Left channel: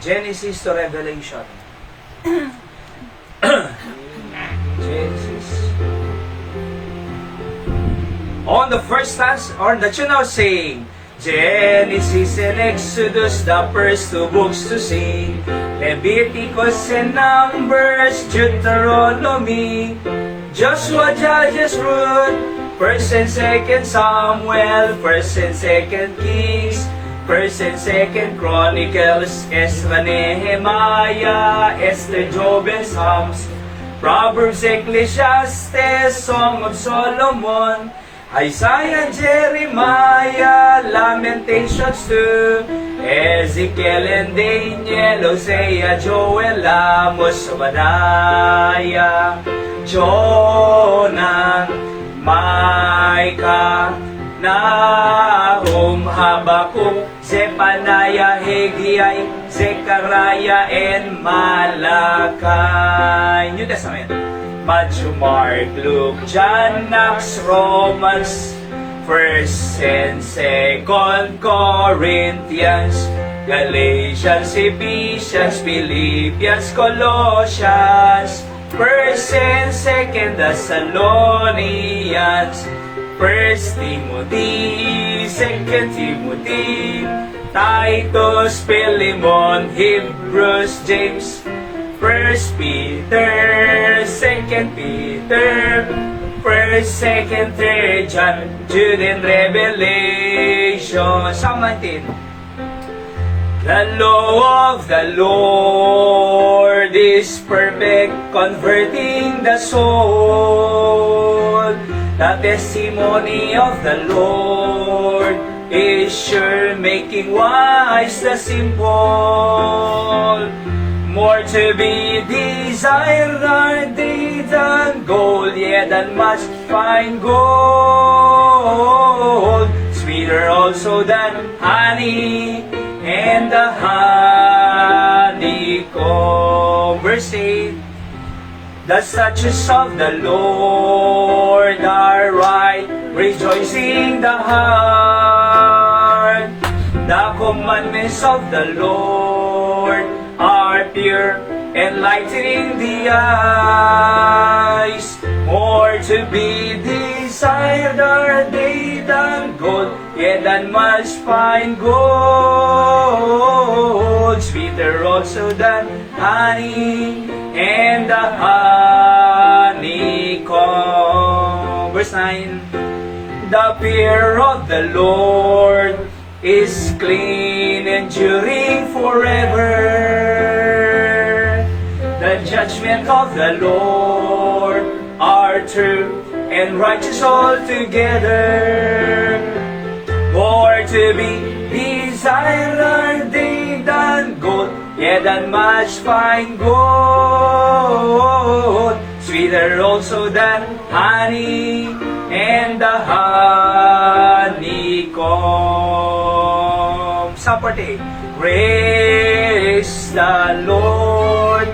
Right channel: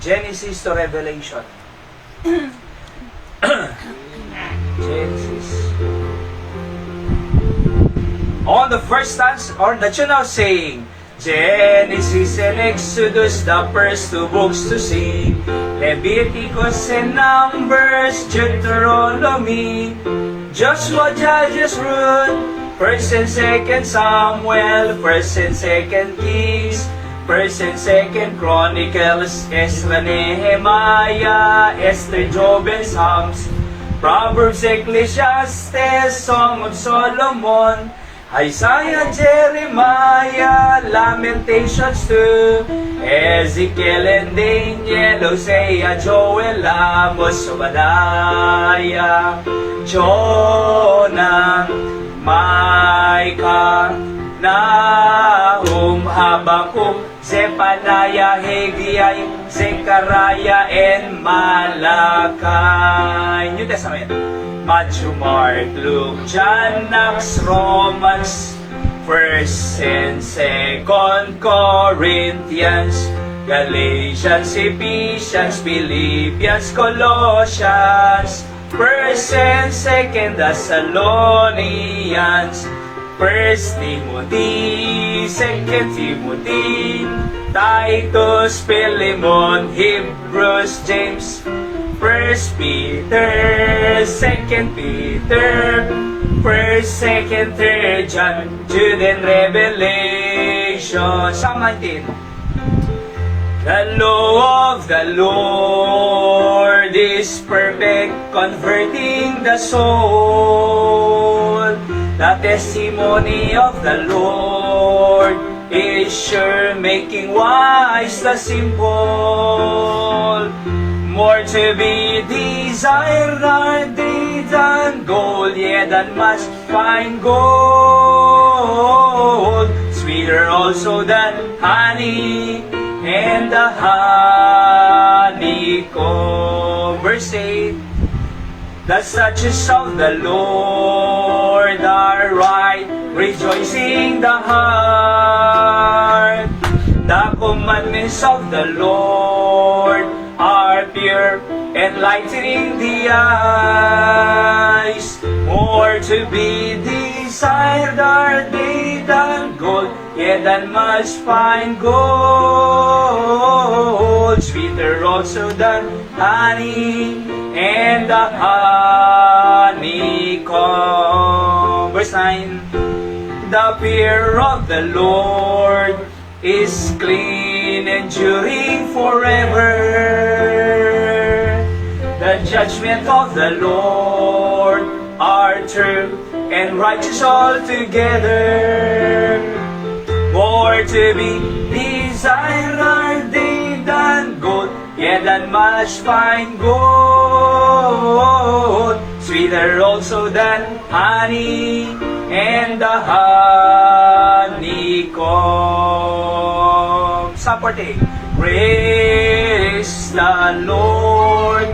Genesis to Revelation. Genesis. On the first stanza, or the tune now saying, Genesis and Exodus, the first two books to sing. Leviticus and Numbers, Deuteronomy, Joshua, Judges, Ruth, First and Second Samuel, First and Second Kings, First and Second Chronicles, Ezra, Nehemiah, Esther, Job, and Psalms, Proverbs, Ecclesiastes, Song of Solomon, Isaiah, Jeremiah, Lamentations 2, Ezekiel and Daniel, Hosea, Joel, Amos, Obadiah, Jonah, Micah, Nahum, Habakkuk, Zephaniah, Haggai, Zechariah, and Malachi. New Testament. Matthew, Mark, Luke, John, Acts, Romans, 1st and 2nd Corinthians, Galatians, Ephesians, Philippians, Colossians, 1st and 2nd Thessalonians, 1st Timothy, 2nd Timothy, Titus, Philemon, Hebrews, James, 1st Peter, 2nd Peter, 1st, 2nd, 3rd John, Jude, and Revelation. Psalm 19. The law of the Lord is perfect, converting the soul. The testimony of the Lord is sure, making wise the simple. More to be desired are they than gold, yet than much fine gold. Sweeter also than honey and the honeycomb. Verse 8. The statutes of the Lord are right, rejoicing the heart. The commandments of the Lord are pure, enlightening the eyes. More to be desired are they than gold, yet than much fine gold. Sweeter also than honey and the honeycomb. Verse 9. The fear of the Lord is clean, enduring forever. The judgment of the Lord are true and righteous altogether. More to be desired are they than gold, yet than much fine gold. Sweeter also than honey and the honeycomb. Psalm 48. Praise the Lord,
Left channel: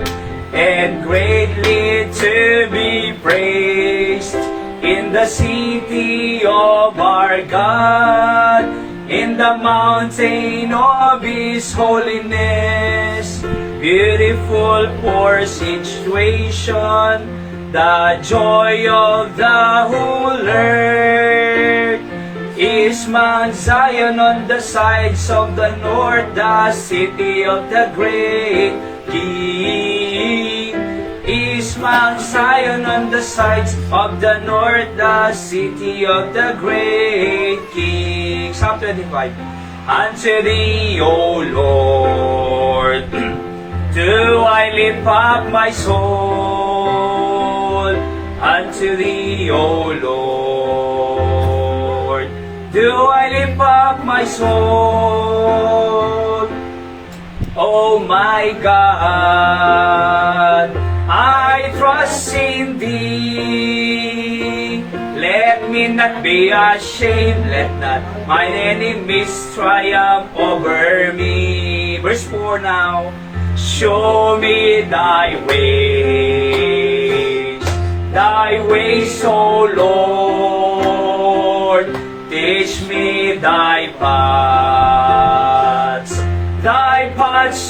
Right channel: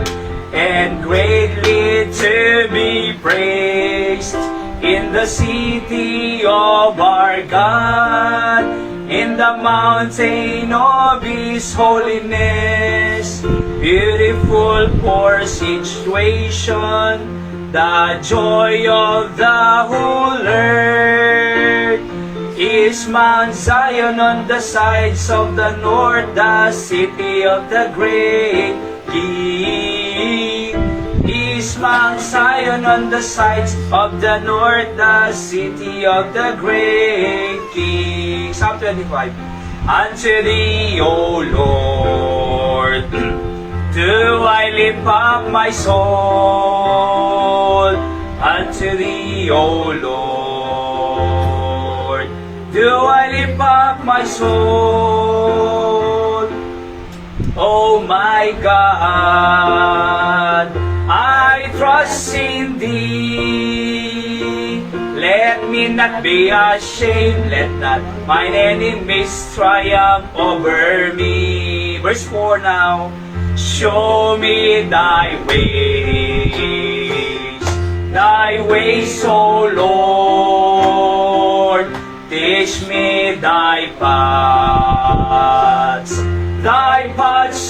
and greatly to be praised in the city of our God, in the mountain of His holiness. Beautiful for situation, the joy of the whole earth is Mount Zion on the sides of the north, the city of the great King. Is Mount Zion on the sides of the north, the city of the great King. Psalm 25. Unto Thee, O Lord, do I lift up my soul. Unto Thee, O Lord, do I lift up my soul. O my God, I trust in Thee. Let me not be ashamed, let not mine enemies triumph over me. Verse 4 now. Show me Thy ways, O Lord. Teach me Thy paths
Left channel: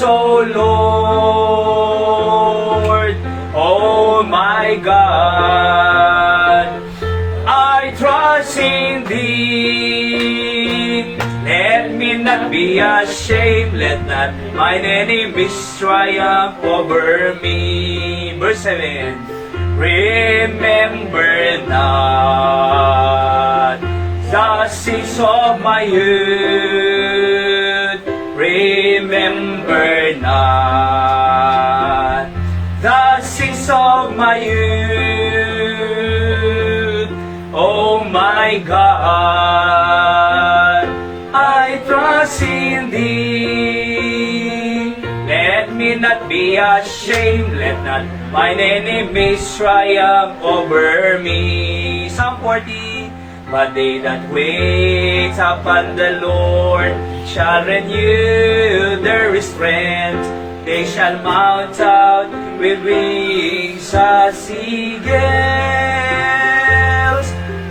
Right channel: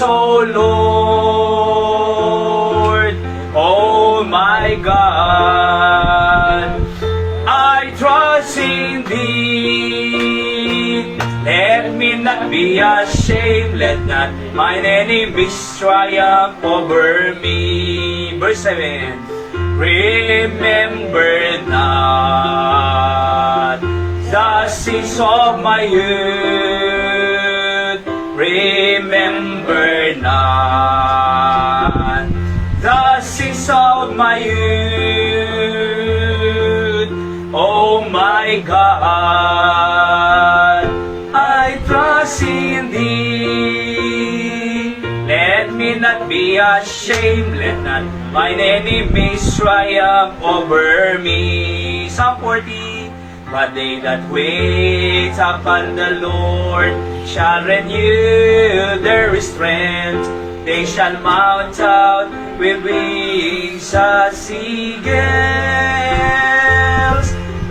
O Lord, oh my God, I trust in Thee. Let me not be ashamed, let not mine enemies triumph over me. Verse 7, remember not the sins of my youth, remember not the sins of my youth. Oh my God, I trust in Thee. Let me not be ashamed, let not mine enemies triumph over me. Psalm 40. But they that wait upon the Lord shall renew their strength. They shall mount out with wings as eagles.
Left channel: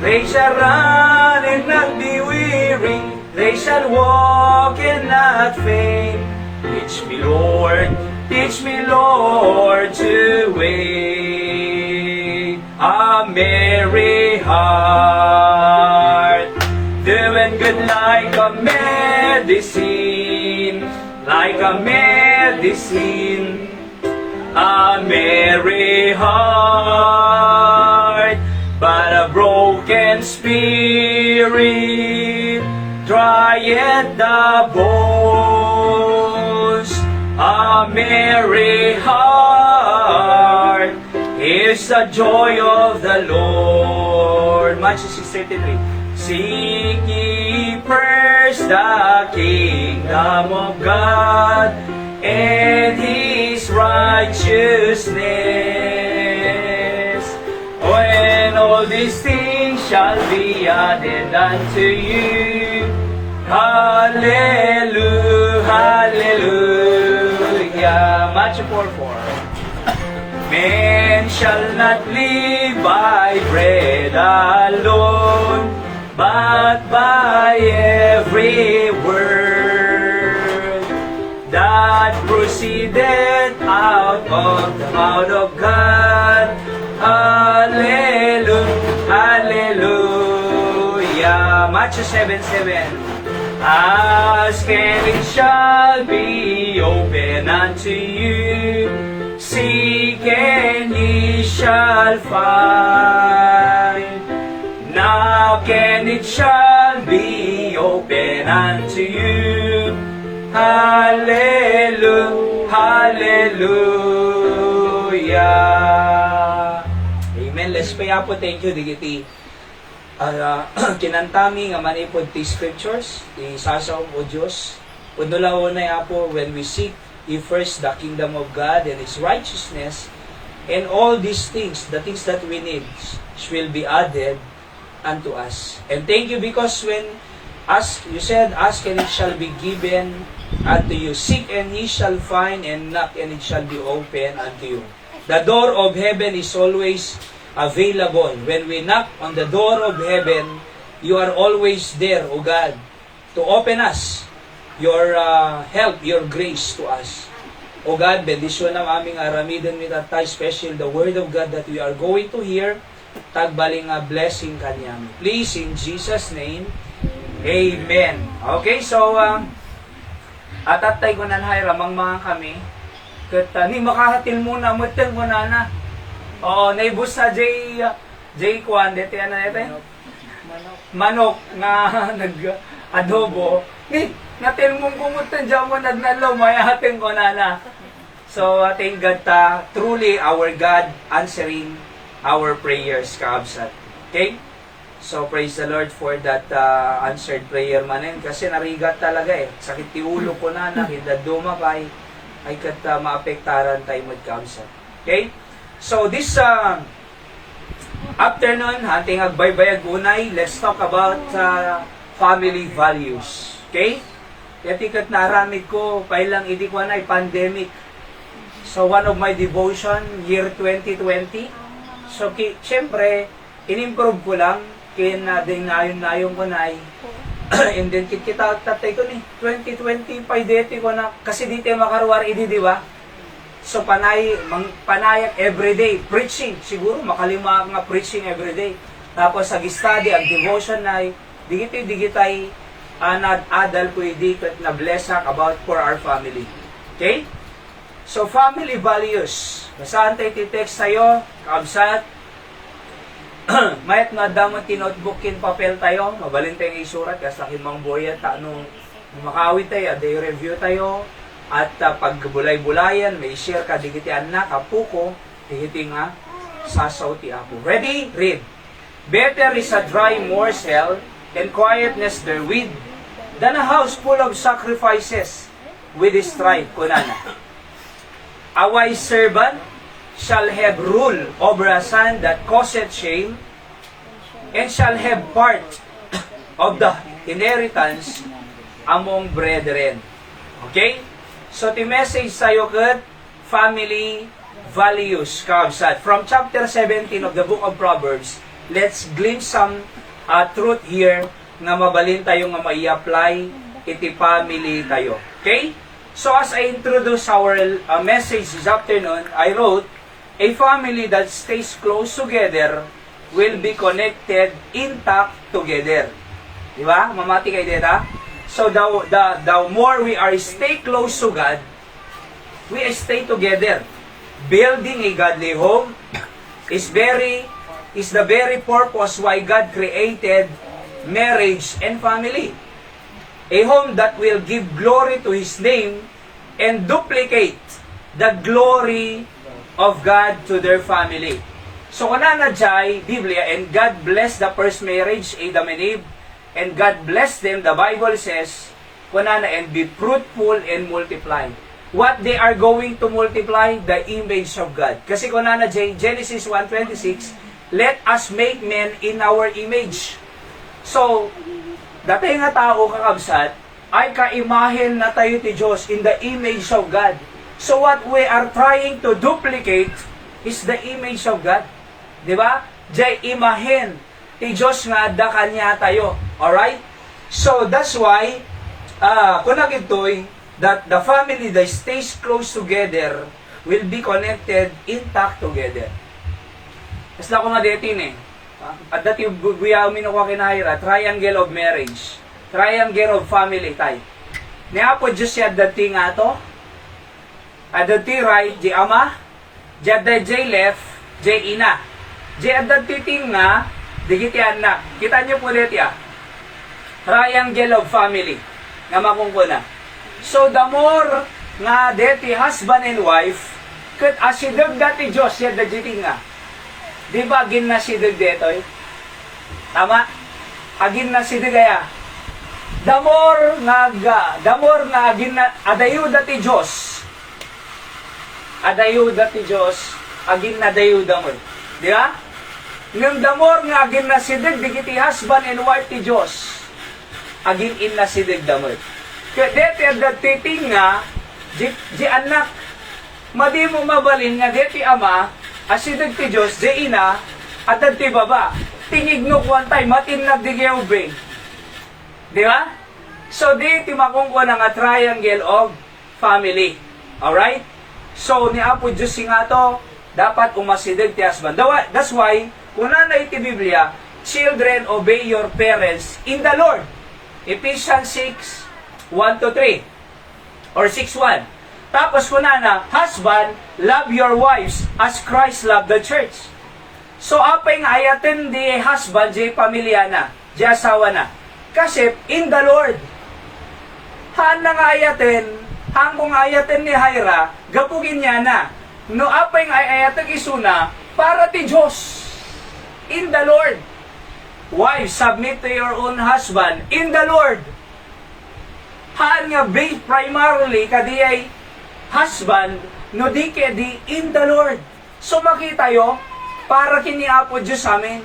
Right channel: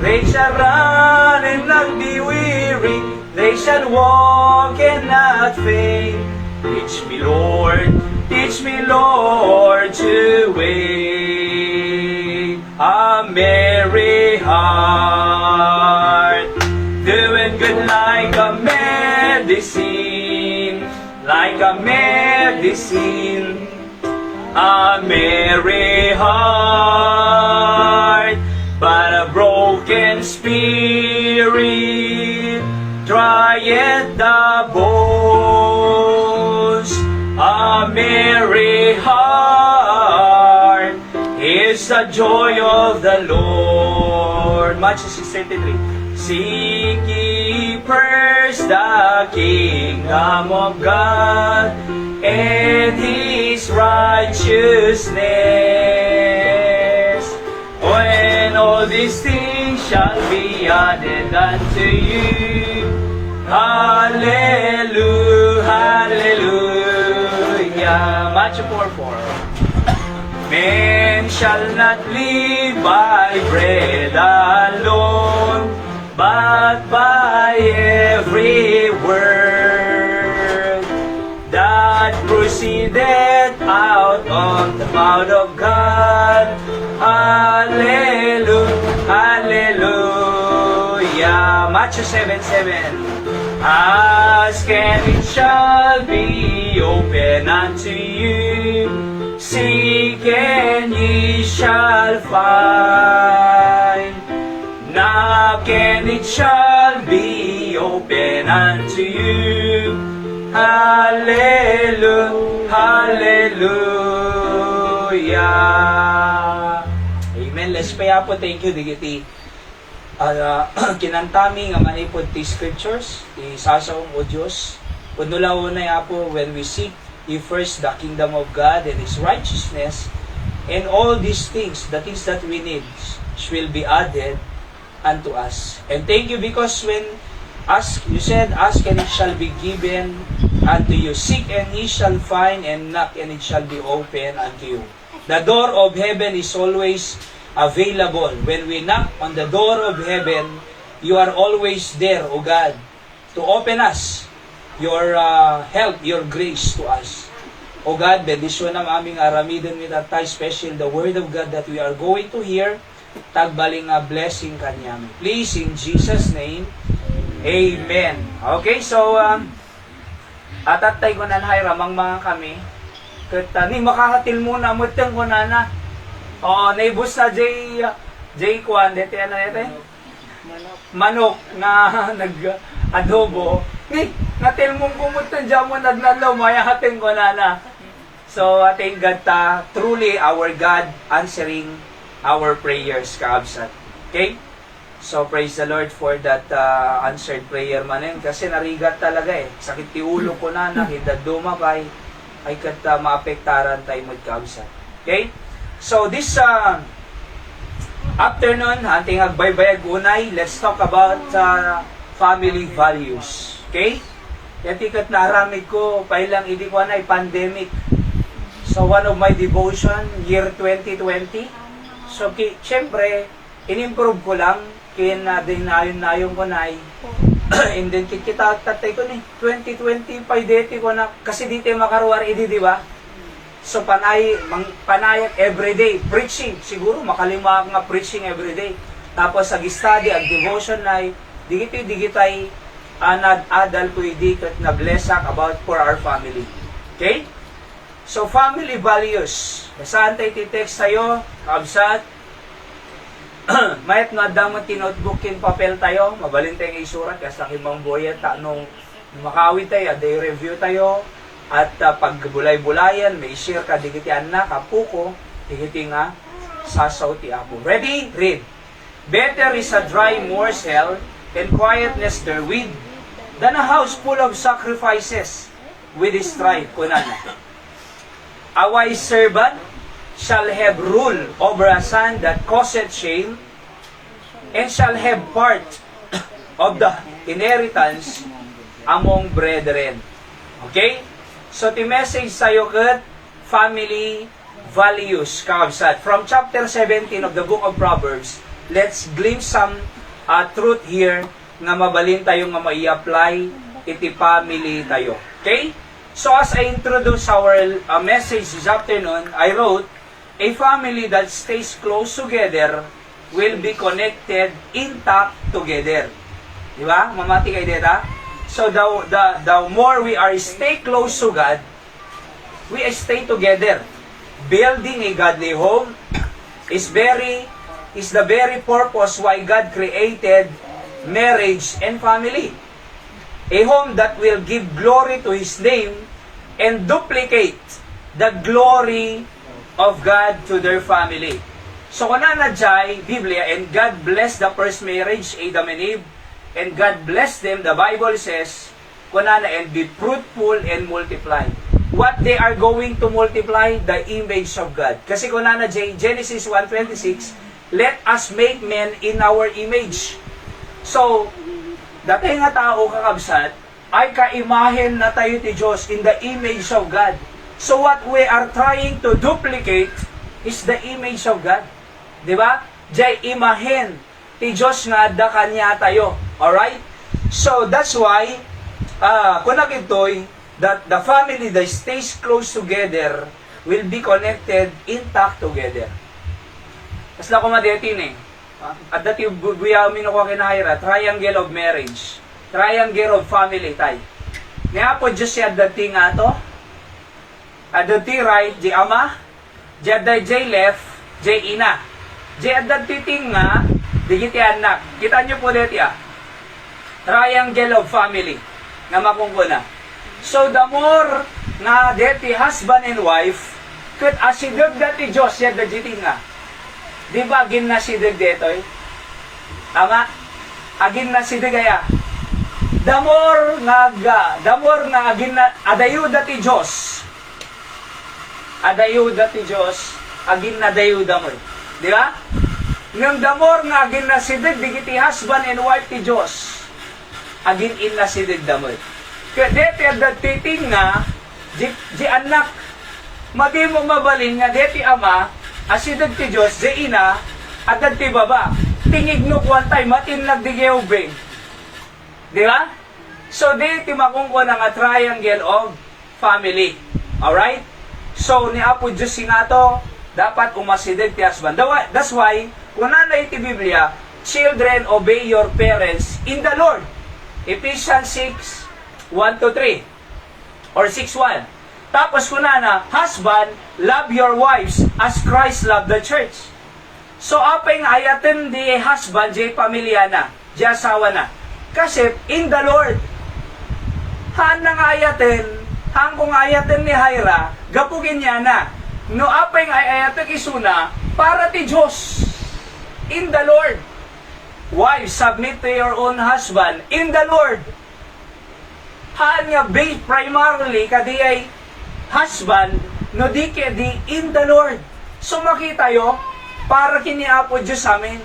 They shall run and not be weary. They shall walk and not faint. Teach me, Lord, to wait. A merry heart, doing good like a medicine, like a medicine. A merry heart, but a broken spirit drieth the bones. A merry heart is the joy of the Lord. Matthew 6:33. Seek ye first the kingdom of God and His righteousness, when all these things shall be added unto you. Hallelujah, hallelujah. Matthew 4:4. Men shall not live by bread alone, but by every word that proceedeth out of the mouth of God. Hallelujah, hallelujah. Matthew 7:7. Ask and it shall be open unto you. Seek and ye shall find. Knock and it shall be open unto you. Hallelujah, hallelujah. Amen. Let's pray po. Thank you, digiti. Kinantami nga manipod ti scriptures, ti sasaw o Diyos. Unula-unay po, when we seek ye first the kingdom of God and His righteousness, and all these things, the things that we need, will be added unto us. And thank you because when you said, ask and it shall be given unto you. Seek and ye shall find, and knock and it shall be open unto you. The door of heaven is always available. When we knock on the door of heaven, you are always there, O God, to open us your help, your grace to us. O God, bendisyon ng aming aramidon with at special the word of God that we are going to hear. Tagbaling a blessing kanyami. Please, in Jesus' name, Amen. Okay, so, atatay ko na ramang mga kami. Kat, ni makahatil muna, mutang ko na. Oo, naibus sa J Kwan, dito yan na natin? Manok na nag-adobo. Natin mong kumutan dyan mo nagnalaw, mayahatin ko na. So, thank God, truly our God answering our prayers kaabsat. Okay? So, praise the Lord for that answered prayer manin. Kasi narigat talaga sakit ti ulo ko na, hindad dumapay, ay kat maapektaran tayo magkaabsat. Okay? So, this afternoon, ating agbaybayag unay, let's talk about family values. Okay? Katikat naramig ko, pailang hindi ko na pandemic. So, one of my devotion, year 2020. So, syempre, in-improve ko lang, dinayon-nayon ko na And then kita tatay ko ni 2025 deti ko na kasi dito makaruwar idi di ba? So panayak everyday preaching siguro makalima nga preaching everyday. Tapos sa study ag devotion na digitay adal ko idi ket na blessak about for our family. Okay? So family values. Basahan tayo ti-text tayo, kaabsat. Mayat na damot tinotebook kin papel tayo, mabalin tayong isurat, kasi himang boya ta nung makawit tayo, day review tayo, at pagbulay-bulayan, may share ka, digiti anak, kapuko, digiti nga, sasaw ti apo. Ready? Read. Better is a dry morsel and quietness therewith than a house full of sacrifices with strife. Kunana. A wise servant shall have rule over a son that causeth shame, and shall have part of the inheritance among brethren. Okay? So, the message sa'yo kat family values, kaabsat. From chapter 17 of the book of Proverbs, let's glimpse some truth here na mabalin tayo nga mai-apply iti family tayo. Okay? So, as I introduce our message this afternoon, I wrote, a family that stays close together will be connected, intact together. Di ba? Mamati kayo dito. So, the more we are stay close to God, we stay together. Building a godly home is the very purpose why God created marriage and family. A home that will give glory to His name and duplicate the glory of God to their family. So, kuna na dyan, Biblia, and God blessed the first marriage, Adam and Eve, and God blessed them, the Bible says, kuna na, and be fruitful and multiply. What they are going to multiply? The image of God. Kasi kuna na dyan, Genesis 1:26, let us make men in our image. So, dati nga tao kakabsat, ay kaimahen na tayo ti Diyos in the image of God. So what we are trying to duplicate is the image of God. Di ba? Jay imahen ti Diyos nga da kanya tayo. Alright? So that's why kunak ito'y that the family that stays close together will be connected, intact together. Mas na kumadetin at dati buya minuko kinahira, triangle of marriage. Triangle of family tayo. Niya po Diyos siya dati nga to. Adati right, di ama, di aday jay left, jay ina. Di adati ting nga, digiti anak. Kita nyo po dito triangle of family, nga makungkuna. So the more nga deti husband and wife, kat asidog dati Diyos, siya dati nga. Di ba agin na sidag dito Tama? Agin na sidag kaya. The more nga agin na, adayo dati Diyos, adayuda ti Diyos, agin na dayuda mo. Di ba? Ngam damor nga agin na sidig, digiti husband and wife ti Diyos, agin in na sidig damoy. Kaya deti adat titing nga, di anak, madi mo mabalin nga deti ama, asidig ti Diyos, di ina, adat ti baba. Tingig no kwantay, matinag di geobe. Di ba? So, deti makungkuha nga triangle of family. Alright? So, ni Apo Diyos nga to, dapat umasidig ti husband. That's why, kung na iti Biblia, children, obey your parents in the Lord. Ephesians 6:1-3 or 6:1. Tapos kung na, husband, love your wives as Christ loved the church. So, apay nga ayaten di husband, di pamilya na, di asawa na. Kasi, in the Lord. Haan na nga ayaten, hangkong ayaten ni Hira, gapugin niya na. No apay nga ayaten isuna, para ti Diyos. In the Lord. Wives, submit to your own husband. In the Lord. Haan nga based primarily kadi ay husband, no di kedi in the Lord. So makita yo, para kiniapo Diyos amin,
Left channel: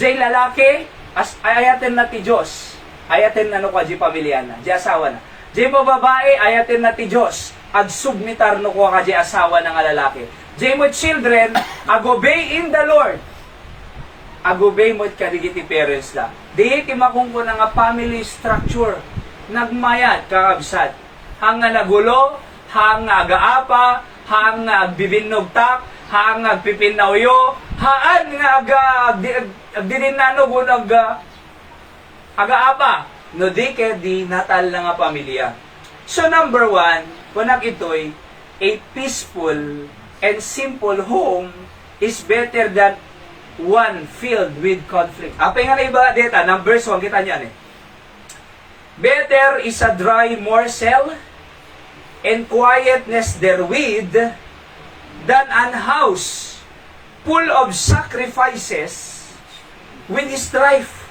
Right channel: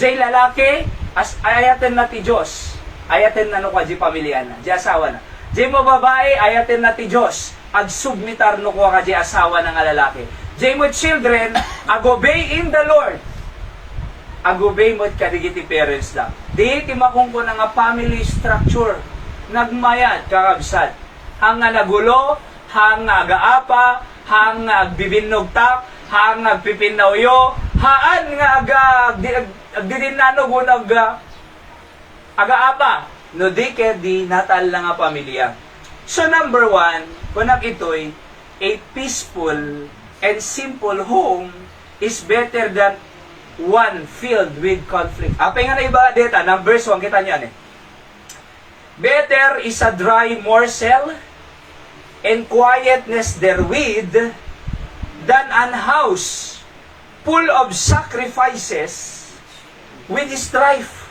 jay lalaki, as ayaten na ti Diyos. Ayaten na no kwa di pamilya na, di asawa na. Di mo babae, ayatin na ti Diyos. Agsubmitar no ko ka di asawa ng lalaki. Di mo children, agobey in the Lord. Agobey mo kadigiti parents lang. Di timakong ko na nga family structure. Nagmayat, kakabsat. Hang nga nagulo, hang nga agaapa, hang nga agbibinnugtak, hang nga agpipinauyo, haan nga agdidinanog unag agaapa. No di ke di natal na nga pamilya. So number 1, kunag ito'y a peaceful and simple home is better than one filled with conflict. Apay nga na iba dito, number 1, kita niyan eh. Better is a dry morsel and quietness therewith than an house full of sacrifices with strife.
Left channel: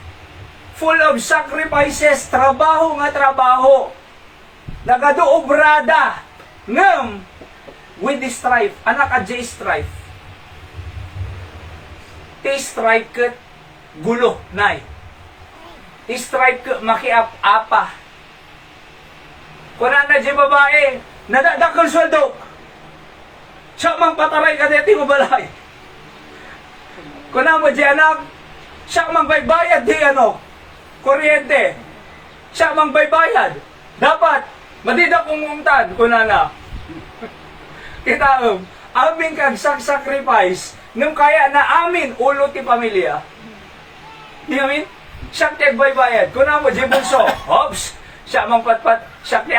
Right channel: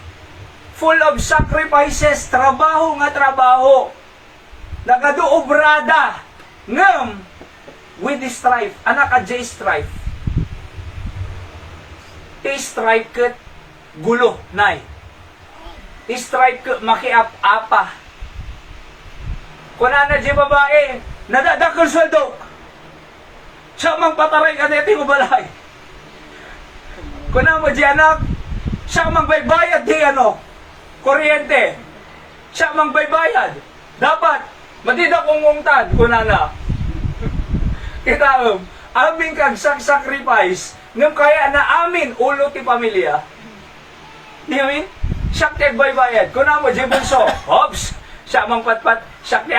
Full of sacrifices, trabaho nga trabaho. Nagaduobrada ngam with strife. Anak a J strife. Strife ket gulo nay. Strife ket makiap-apa. Kuna na di babae, nadadakol sweldo. Siya mang pataray ka dito yung balay. Kuna mo di anak, siya mang baybayad di kuryente. Siya mang baybayad. Dapat, madida kong ngungtan, kuna na. Kita aming kag-sacrifice, nung kaya na amin ulo ti pamilya. Di yun? Siya ti baybayad. Kuna mo, jibunso, hops, siya mang patpat, siya ti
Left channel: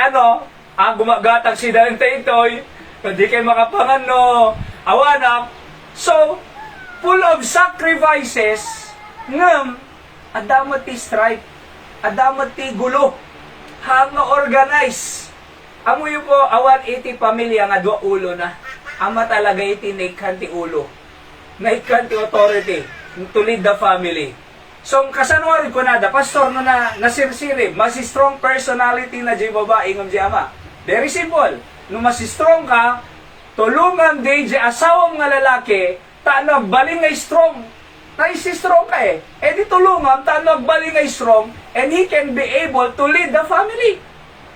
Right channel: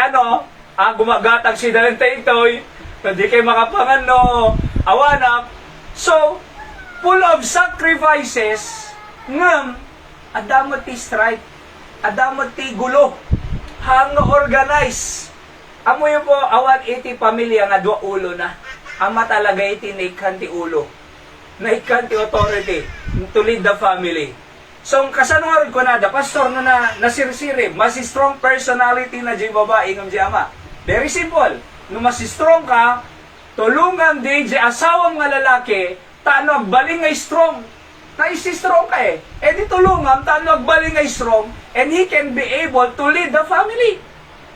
gumagatag si Dalente itoy, hindi kayo makapangan awanak. So, full of sacrifices, ngam, adamot ti strike, adamot ti gulo, hang organize. Amo yun po, awan iti pamilya nga dua ulo na. Ama talaga iti naikhan ti ulo. Naikhan ti authority to lead the family. So, kasanuarin ko na, pastor na nasirsirib, mas strong personality na di babae ng di ama. Very simple. No mas strong ka, tulungan di asawang nga lalaki, tanog baling nga strong. Na isi-strong ka eh. Eh di tulungan, tanog baling nga strong, and he can be able to lead the family.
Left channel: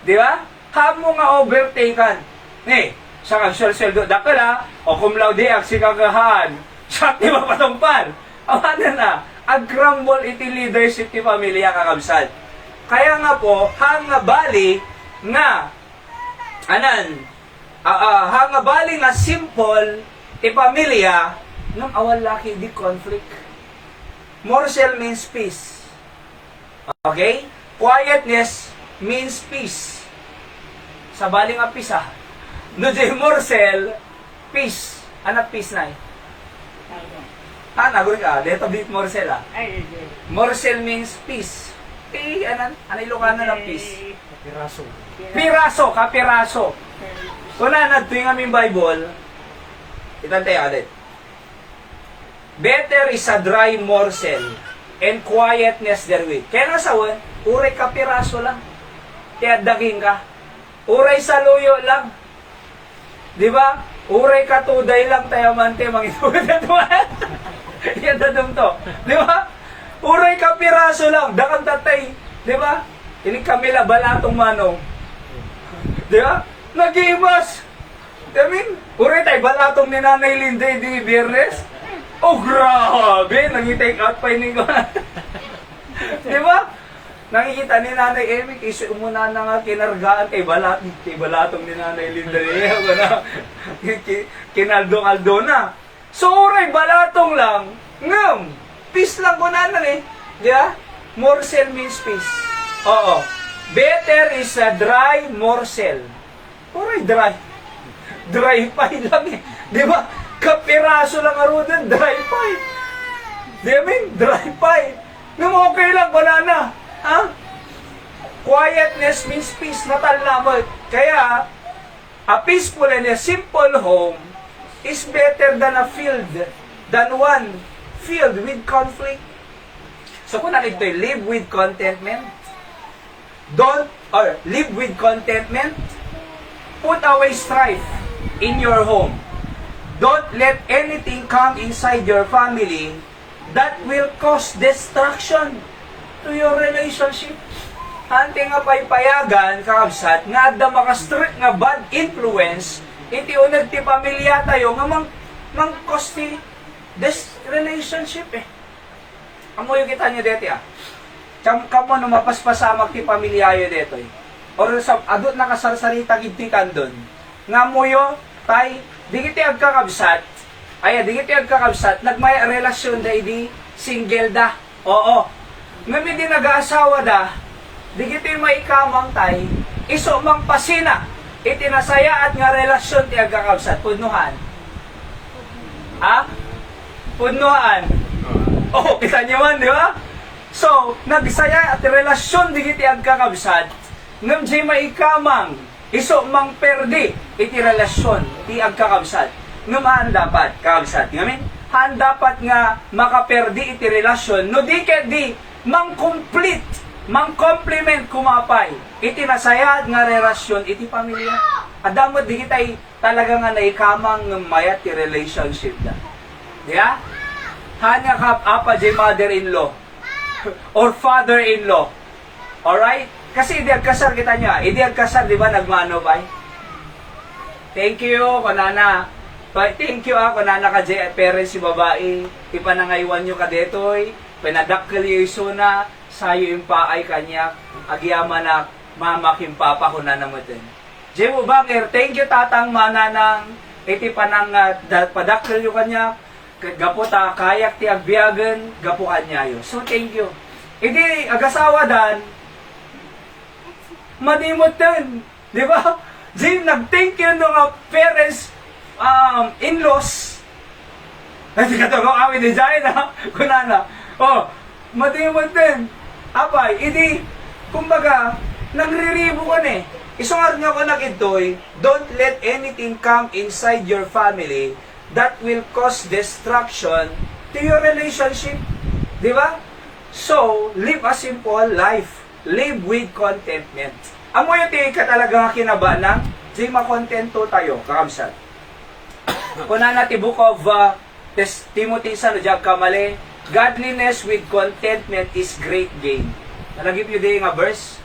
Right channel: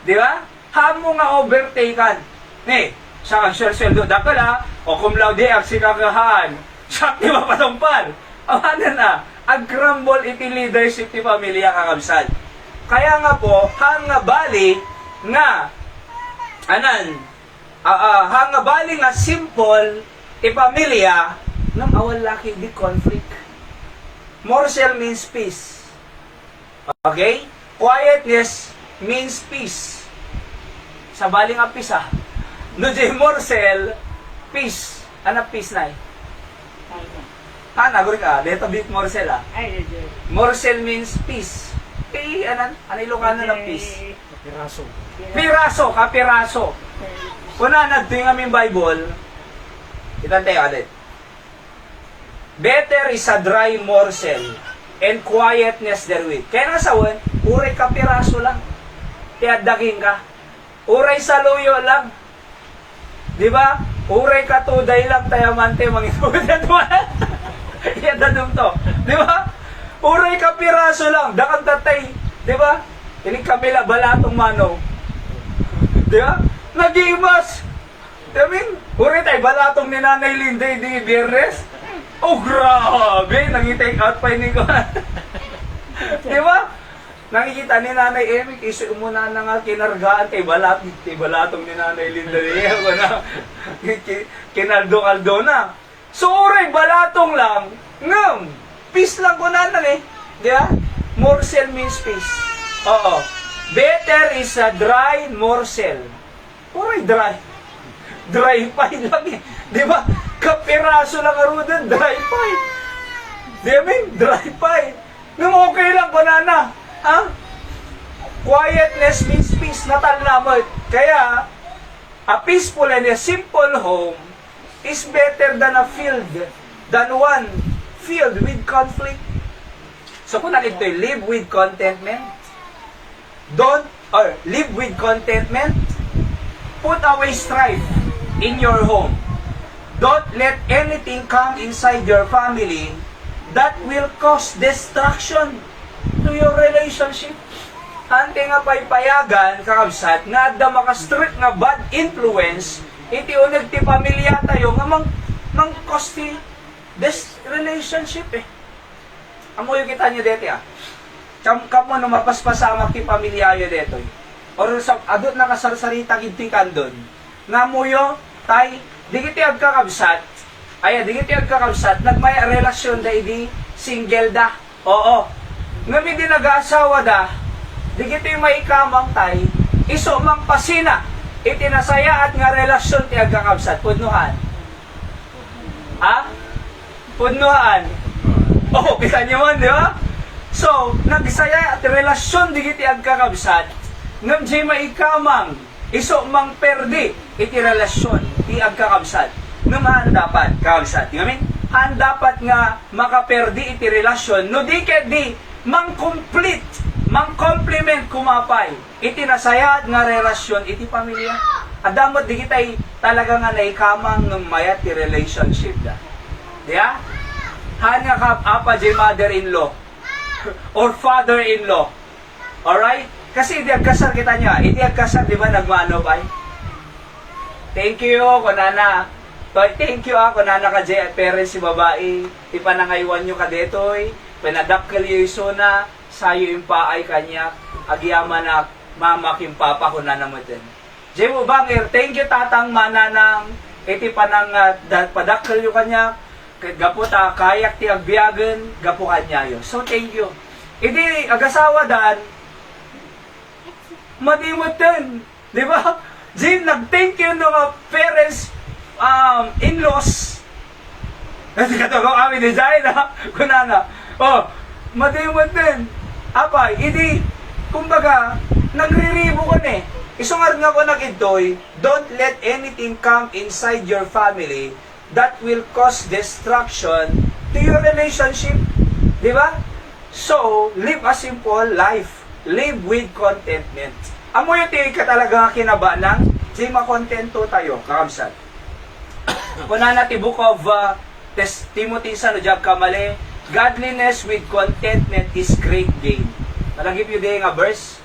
Di ba? Hamo nga overtaken. Ni, siya kang sweldo dakala, o cum laude ak si kagahaan. Siya di mapatungpan. Awanan na, ag-crumble iti leadership ti pamilya kakabsad. Kaya nga po, hang bali nga, hang bali nga simple ti pamilya, nang awal laki di conflict. Morsel means peace. Okay? Quietness means peace. Sa baling nga peace no di morsel, peace. Anak peace na eh. Naguri ka. Dito bit morsel Morsel means peace. Ilocano ng peace? Piraso. Piraso, kapiraso. Kuna nagtuwing aming Bible, itantay alit. Better is a dry morsel and quietness therewith. Kaya nga sawan, uray kapiraso lang. Tiadagin ka. Uray saluyo lang. Di ba? Uray katuday lang tayo mante mangitudan mo. Yan dadong to. Di ba? Uray kapiraso lang. Dakan tatay. Di ba? Ini Camila balatong mano. Di ba? Nag-iimas. I mean, uray tayo balatong ni Nanay Linday di Biyernes. Oh, grabe! Nag-take out pa yun ko. Di ba? Nakikita ni Nanay Emik, iso muna na nga kinargaan kay balatong ni Nanay Linda. Kinaldo-kaldo na. So, oray, balatong lang. Ngam, peace lang ko na eh. Di ba? Morsel means peace. Oo. Better is a dry morsel. Oray, dry. Dry pa lang eh. Di ba? Kapiraso lang aro din, dry pie. Di ba? Dry pie. Nung okay lang, banana. Ha? Quietness means peace. Natal naman. Kaya, a peaceful and a simple home is better than one filled with conflict. So, kung nakita live with contentment, live with contentment, put away strife in your home. Don't let anything come inside your family that will cause destruction to your relationship. Ante nga paypayagan, kakabsat, nga adda maka-strict nga bad influence, iti unag ti pamilya tayo, nga mang-cause ti this relationship eh. Amo yung kita nyo deti kamo no mapaspasamak ti pamilyayo detoy. Or sa adot na kasarsarita gidtikan doon. Nga moyo tay digiti agkakabsat. Ay digiti agkakabsat nagmay relasyon da idi single da. Oo. Ngami di nag-aasawa da, digiti may ikamang tay, iso mang pasina. Itinasaya at nga relasyon ti agkakabsat pudnuhan. Ha? Pudnuhan. Oh, kita niyo man, di ba? So, nagsaya at relasyon digiti agkakabsat, ngam jay maikamang, iso mang perdi, iti relasyon, ti agkakabsat. Ngam haan dapat, kakabsat. Ngamin, haan dapat nga makaperdi iti relasyon, no di ket di, mang complete, mang complement kumapay, iti nasaya at nga relasyon, iti pamilya. Adamot di kitay talaga nga naikamang mayat ti relationship da. Diya? Haan nga kap apa jay mother-in-law or father-in-law. Alright? Kasi idi agkasar kita niya. Idi agkasar, di ba, nagmano ba? Thank you, kunana. Thank you, kunana ka jay parents si babae. Ipanangaywan nyo ka detoy. Pinadakkel yung isuna. Sayo yung paay kanya. Agyama na mamaking papa ko na naman din. Jay mo bangir, thank you tatang mananang. Iti panang padakkel yung kanya. Gapo ta kayak ti agbiagan, gapo kanyayo. So thank you. Idi agasawa dan madimot din, di ba? Jim nag-thank you no nga parents in-laws. Hindi ka tago kami design ha. Kunana. Oh, madimot din. Apay, idi kumbaga nagriribo ko ni. Isungar nga ko nag-itoy, don't let anything come inside your family that will cause destruction to your relationship. Di ba? So, live a simple life. Live with contentment. Amo yung tingin ka talaga kinaba ng di makontento tayo, kakamsat. Kuna na ti book of Timothy sa Nujab Kamali, godliness with contentment is great gain. Nalagip yun din nga verse.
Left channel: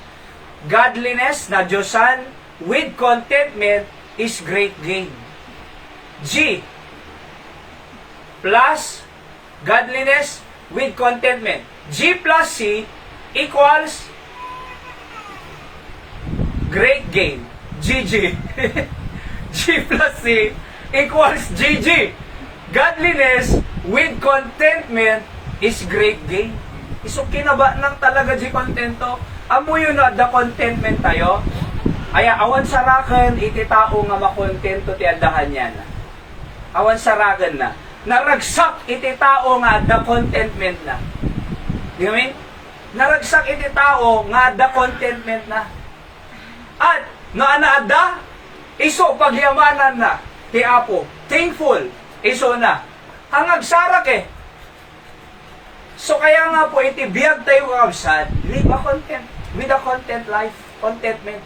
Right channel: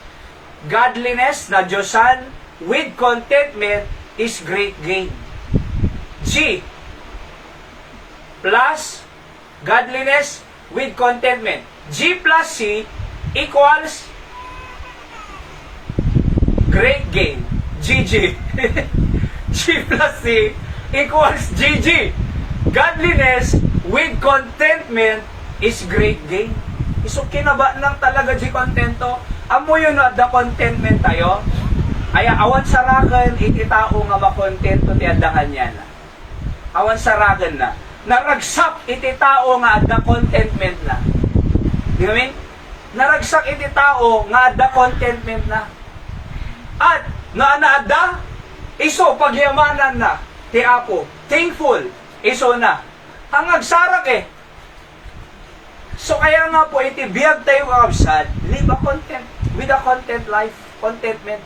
Godliness na Diyosan with contentment is great gain. G plus godliness with contentment. G plus C equals great gain. GG. G plus C equals GG. Godliness with contentment is great gain. Isukin na ba nang talaga di kontento? Amo yun na the contentment tayo. Aya awan sarakan iti tao nga makontento ti adahan niya na. Awan sarakan na. Naragsak iti tao nga the contentment na. Di ba mean? Naragsak iti tao nga the contentment na. At naanaada, iso pagyamanan na ti Apo. Thankful, iso na. Ang agsarak eh. So kaya nga po iti biyag tayo kakabsat, live a content, with a content life, contentment.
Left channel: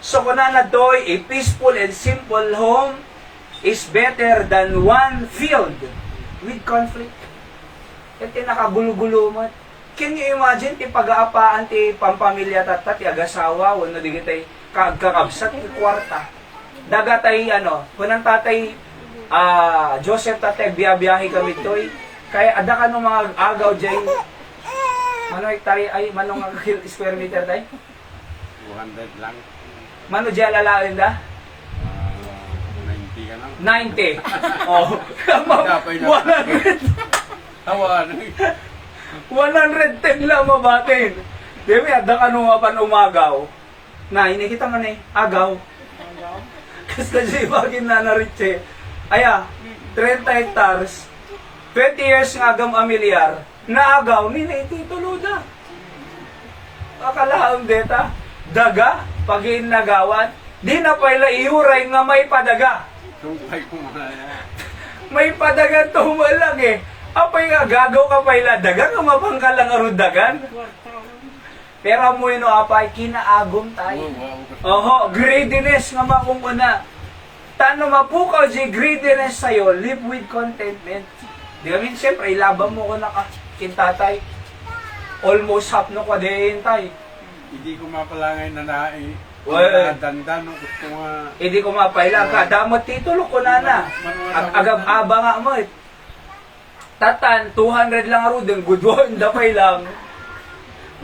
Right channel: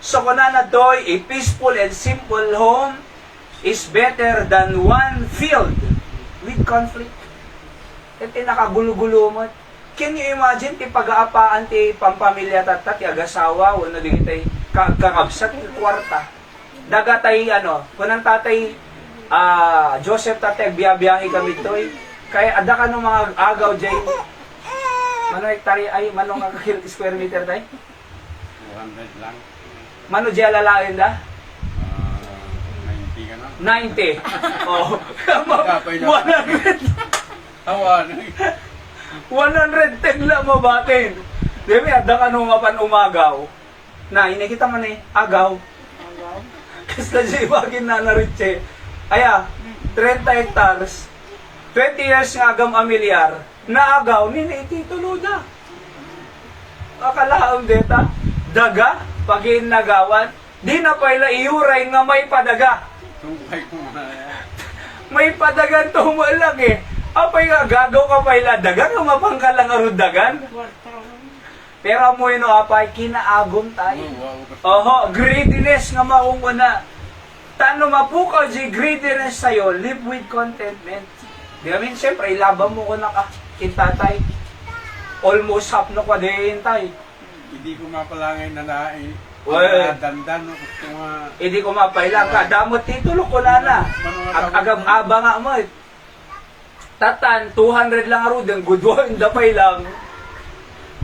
So kuna na doy, a peaceful and simple home is better than one filled with conflict. Iti nakagulo-gulo mo. Can you imagine ti pag-aapaan ti pampamilya tatat, ti agasawa, wano di kitay kakabsat, ti kwarta. Dagatay kunang tatay, Joseph tatay, biyabiyahe kami toy. Kaya ada ka nung mga agaw dyan. Mano hektare ay, manong square meter tay? 200 lang. Mano dyan lalain da? 90 ka lang. 90. Oh. 100. Tawan. 110 lang mabatin. Demi, ada ka nung mapan umagaw. Na, inikita man eh, agaw. Agaw? Kasi kasi bagin na naritse. Aya, 30 hectares. 20 years nga agam amilyar, naagaw, ninitituloda. Akalaang deta, daga, pagin nagawan, di na pala iuray nga may padaga. Tumpay ko na. May padagan tumalang eh. Apay nga gagaw ka pala daga, nga mapangkalang arudagan. Pero mo yun apay, kinaagom tayo. Oho, greediness nga maunguna. Tano mapukaw di greediness sa'yo, live with contentment. Di ba, siyempre, ilaban mo ko na kintatay. Almost half na kwa din tayo. Hindi ko mapalangay na nae. Well, dandan, gusto nga. hindi ko mapailang ka. Damot titulo ko na na. Agab-aba nga mo. Tatan, 200 lang arudeng. Good one, dapay lang.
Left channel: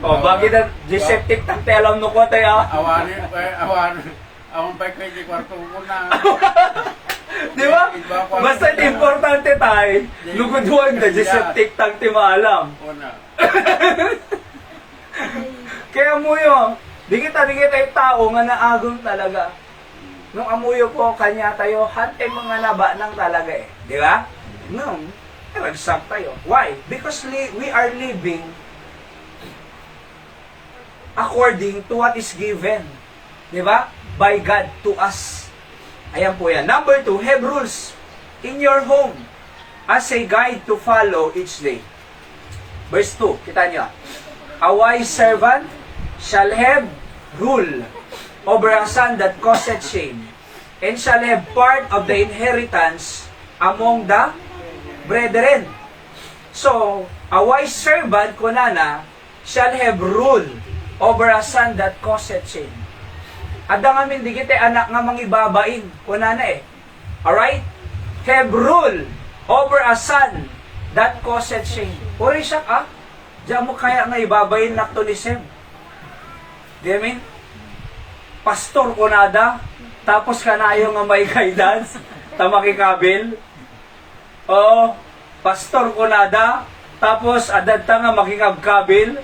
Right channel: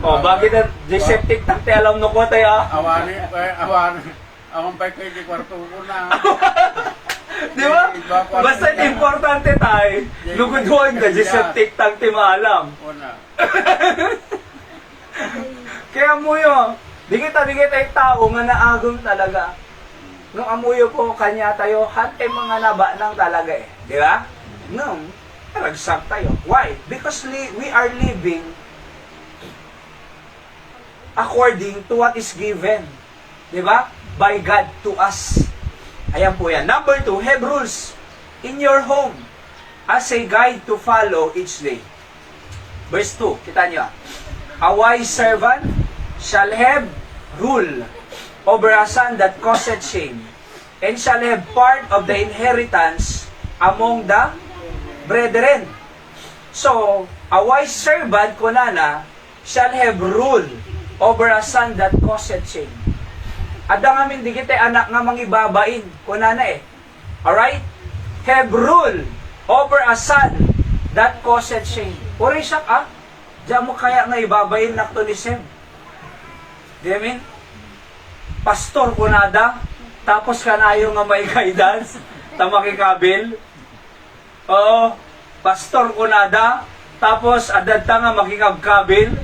O, bakit na diseptic tang alam no ko tayo? Awan. Awan pa kay kwarto ko na. Di ba? Basta importante tayo. Luguduan na diseptic tang maalam. Una. Kaya muyo, di kita yung tao nga naagong talaga. Nung amuyo po, kanya tayo, hante mga naba nang talaga eh. Di ba? Nung, ragsak tayo. Why? Because we are living according to what is given. Di ba? By God to us. Ayan po yan. Number 2, have rules in your home as a guide to follow each day. Verse 2, kita nyo. A wise servant shall have rule over a son that causeth shame, and shall have part of the inheritance among the brethren. So, a wise servant, kunana, shall have rule over a son that causeth shame. Ada nga min, di kita anak nga mangibabain, kunana eh. Alright? Have rule over a son that causeth shame. Uri siya, diyan mo kaya nga ibabayin na to ni Sem. Di amin? Pastor ko nada, tapos kanayo nga may guidance, tamakikabil. Oo, pastor ko nada, tapos adad ta nga makikabkabil.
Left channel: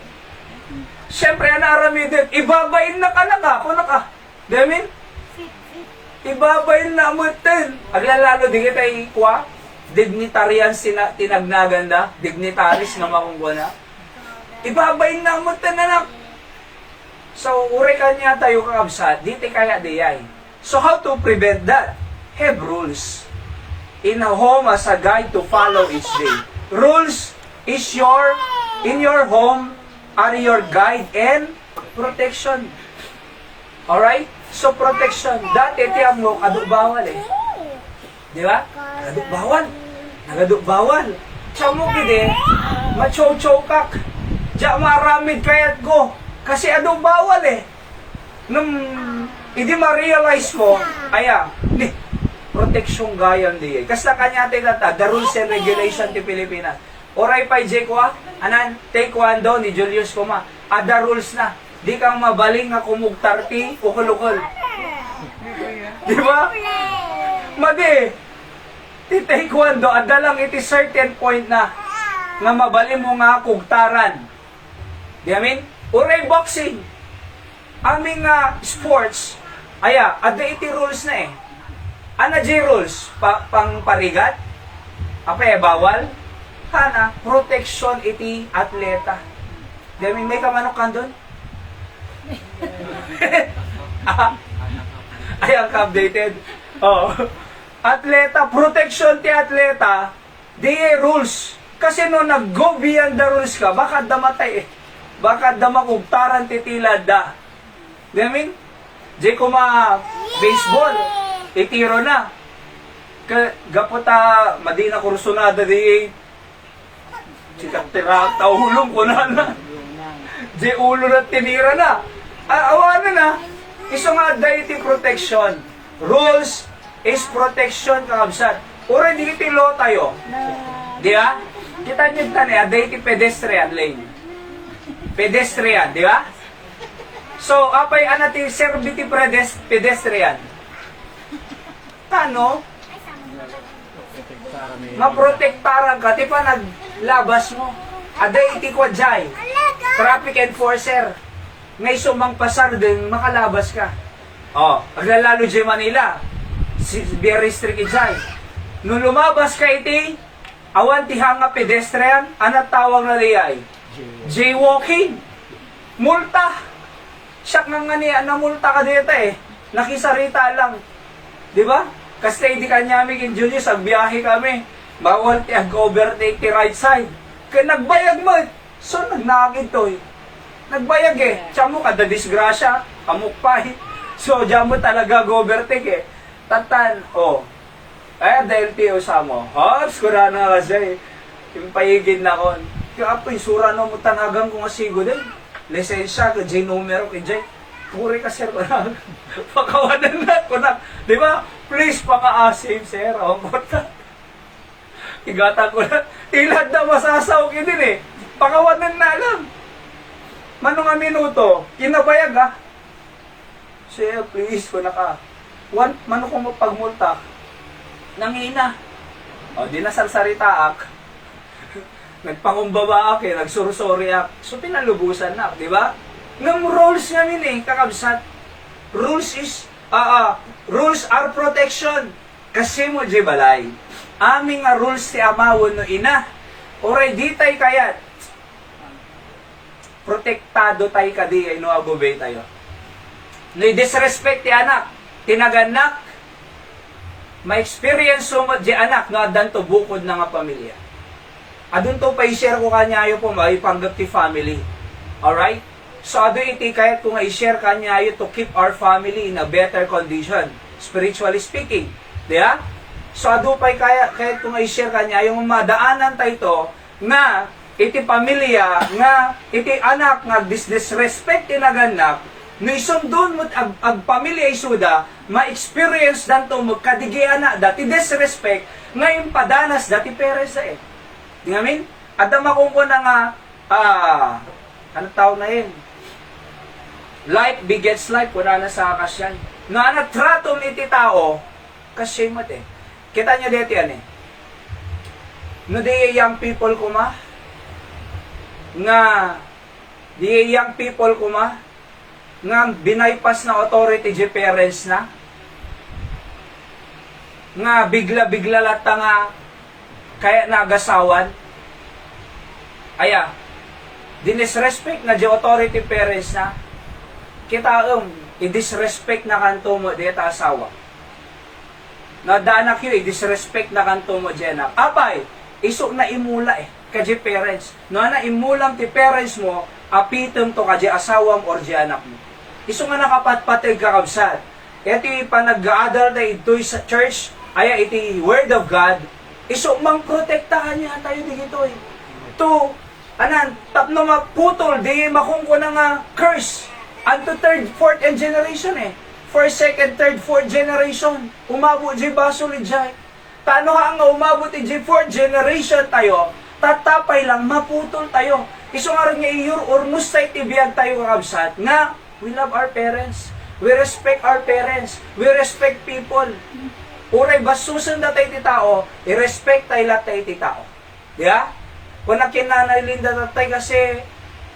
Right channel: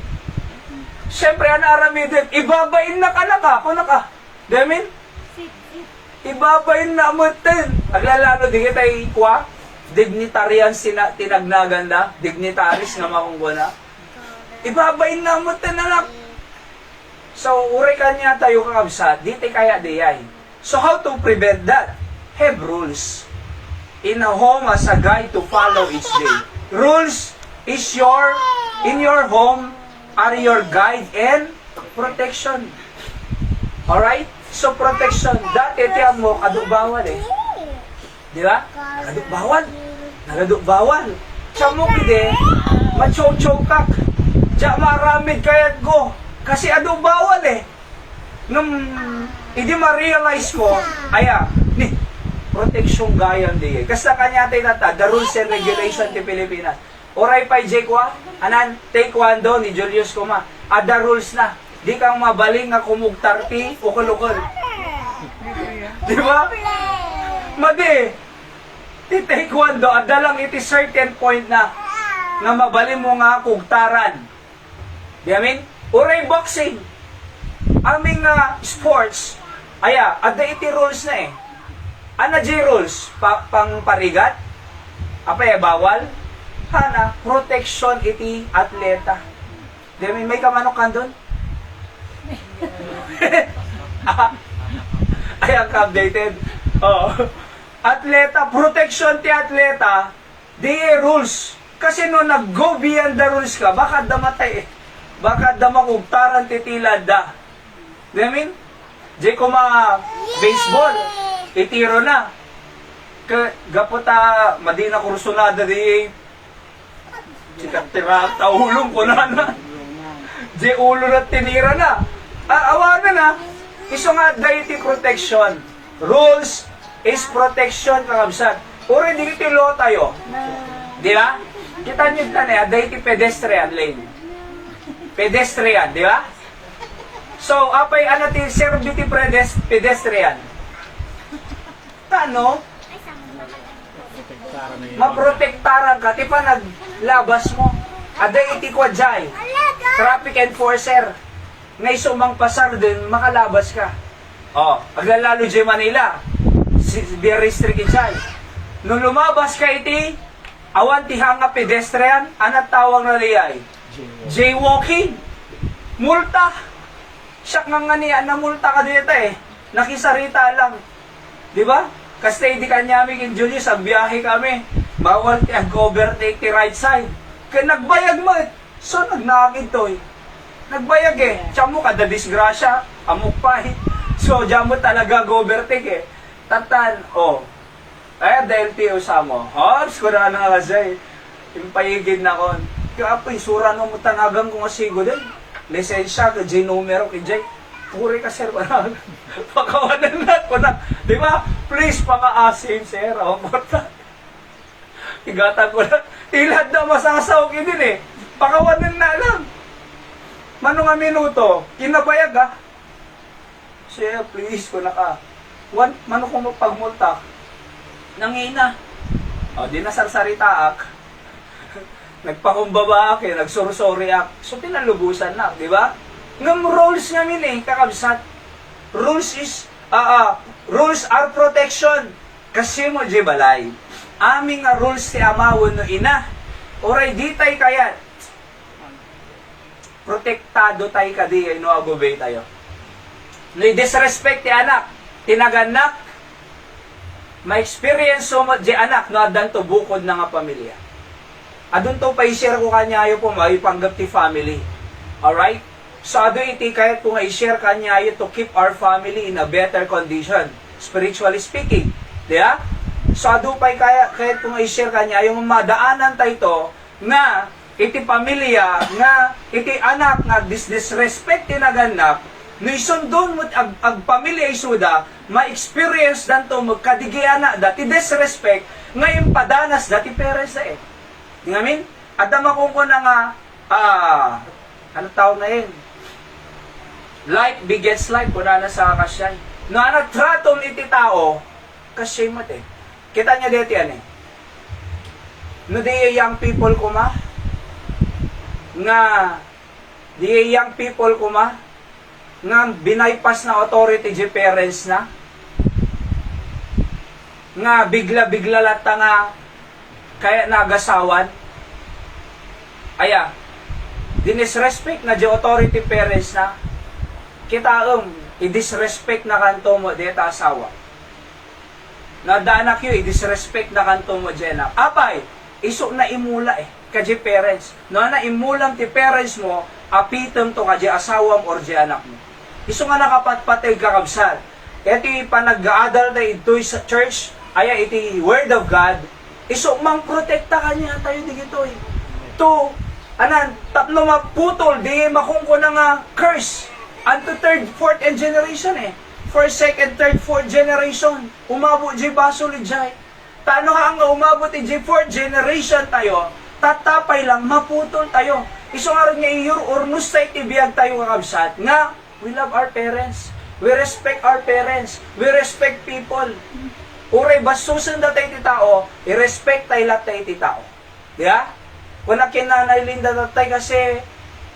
Siyempre, anaramidin, ibabayin na ka na ka, kung naka. Di amin? Ibabayin na mo din. Aglalalo, di kita ikwa, dignitarian tinagnaganda, dignitaris nga makunggo na. Ibabayin na mo din, anak. So, uri ka niya tayo kakabsat, di kaya diyay. So, how to prevent that? Have rules. In a home as a guide to follow each day. Rules is in your home are your guide and protection. Alright? So, protection. Dati, tiyang mo, kadukbawal eh. Di ba? Nagadukbawal. Siya mo kide, machow-chowkak. Diya maramid kayat ko. Kasi bawal eh. Nung hindi ma-realize ko, ni proteksyon gayan di eh. Kasi kanya tayo the rules and regulation ti Pilipinas. Oray pa J ko anan, taekwondo ni Julius Kuma. Ada rules na. Di kang mabaling nga kumugtar ti ukol-ukol. Di ba? Madi, ti taekwondo, ada lang iti certain point na nga mabaling mo nga kugtaran. Di amin? Uray boxing. Aming sports, ada iti rules na eh. Ana J rules, pang parigat, bawal. Hana, protection iti atleta. Di amin, may kamanok kan doon? Ang updated. Oh. Atleta, protection ti atleta, di rules. Kasi no nag-go beyond the rules ka, baka damatay eh. Baka damakugtaran titila da. Di amin? Di ko baseball, itiro na. Gapota, madina kursunada di sikat tira, taulong ko na. Di ulo na tinira na. Awanan na. Iso nga deity protection. Rules is protection, kakabsat. Uri, di kitilo tayo. Di ba? Kita nyo tanay, deity pedestrian lane. Pedestrian, di ba? So, apay anati serviti pedestrian. Ano? Maprotektaran ka, ti pa naglabas mo. Aday iti kwa jay. Traffic enforcer. Ngay sumang pasar din, makalabas ka. Aglalalo jay Manila. Be restricted jay. Nung lumabas ka iti, awan ti hanga pedestrian, anat tawag na liyay? Jaywalking. Multa. Siyak nga niya, namulta ka dito eh. Nakisarita lang. Di ba? Kasi di kanya aming Julius, ang biyahe kami. Bawal ti ag-overtake ti right side. Kaya nagbayag mo. So, nagnakid to eh. Nagbayag eh. Tiyan mo kada disgrasya, amukpay. So, diyan mo talaga overtake eh. Tatan, dahil tiyo sa mo. Skura na kasi. Impayigin na kon. Kaya apoy, sura no mo tanagang kung asigo din. Lisensya, kajay numero, kajay. Puri ka, sir, pakawanan na ko na. Di ba? Please, paka-asim, sir. Ang kota. Igatan ko na. Ilad na masasaw yun din eh. Pakawanan na lang. Mano nga minuto, kinabayag ha. Siya, please, ko naka. Mano kong magpagmulta. Nangina. O, di nasarsarita ak. Nagpangumbaba ak, nagsursori ak. So, pinalubusan na, di ba? Ngam rules nga min kakabsat. Rules are protection. Kasi mo, di balay. Aming nga rules ti amawon no ina. Oray, di tayo kayat. Protektado tayo kadi kay no agubay tayo. Ni disrespect ti anak, tinaganak, ma-experience so much di anak no adan to bukod na nga pamilya. Adun to pa i-share ko kanyayo po maipanggap ti family. Alright? So ado iti kahit kung i-share kanyayo to keep our family in a better condition, spiritually speaking. Diya? So ado pa kahit kung i-share kanyayo madaanan tayo to na iti pamilya nga iti anak nga disrespect tinaganak no isundon mo ag pamilya isuda ma-experience danto magkadigiana dati disrespect ngayon padanas dati parents sa di ngamin adama kung ko na nga ano tawag na yun like begets like kuna na sa kasyan no ana tratom iti tao kasi mo kita niya dito yan no di young people kuma nga di young people kuma nga binaypas na authority di parents na nga bigla-bigla lata nga kaya nagasawan aya dinisrespect na di authority parents na kita i-disrespect na kanto mo di ta asawa na danak yu i-disrespect na kanto mo di anak apay isok na imula kaji parents. No na imulam ti parents mo, apitem to kaji asawam or di anak mo. Iso nga nakapatpatay kakabsat. Iti panag-gaadal na ito'y sa church, aya iti word of God, iso mang protekta kanya tayo digito To, tapno maputol, di makungko na nga curse. Anto third, fourth, and generation First, second, third, fourth generation. Umabot di baso li jay. Tano nga umabot di fourth generation tayo, tatapay lang, maputol tayo. Iso nga rin nga iyur, urnus tayo tibiyag tayo kakabsat, nga, we love our parents, we respect our parents, we respect people. Uray, basusan na tayo ti tao, i-respect tayo lahat tayo ti tao. Diya? Kung nakinanay linda tatay kasi,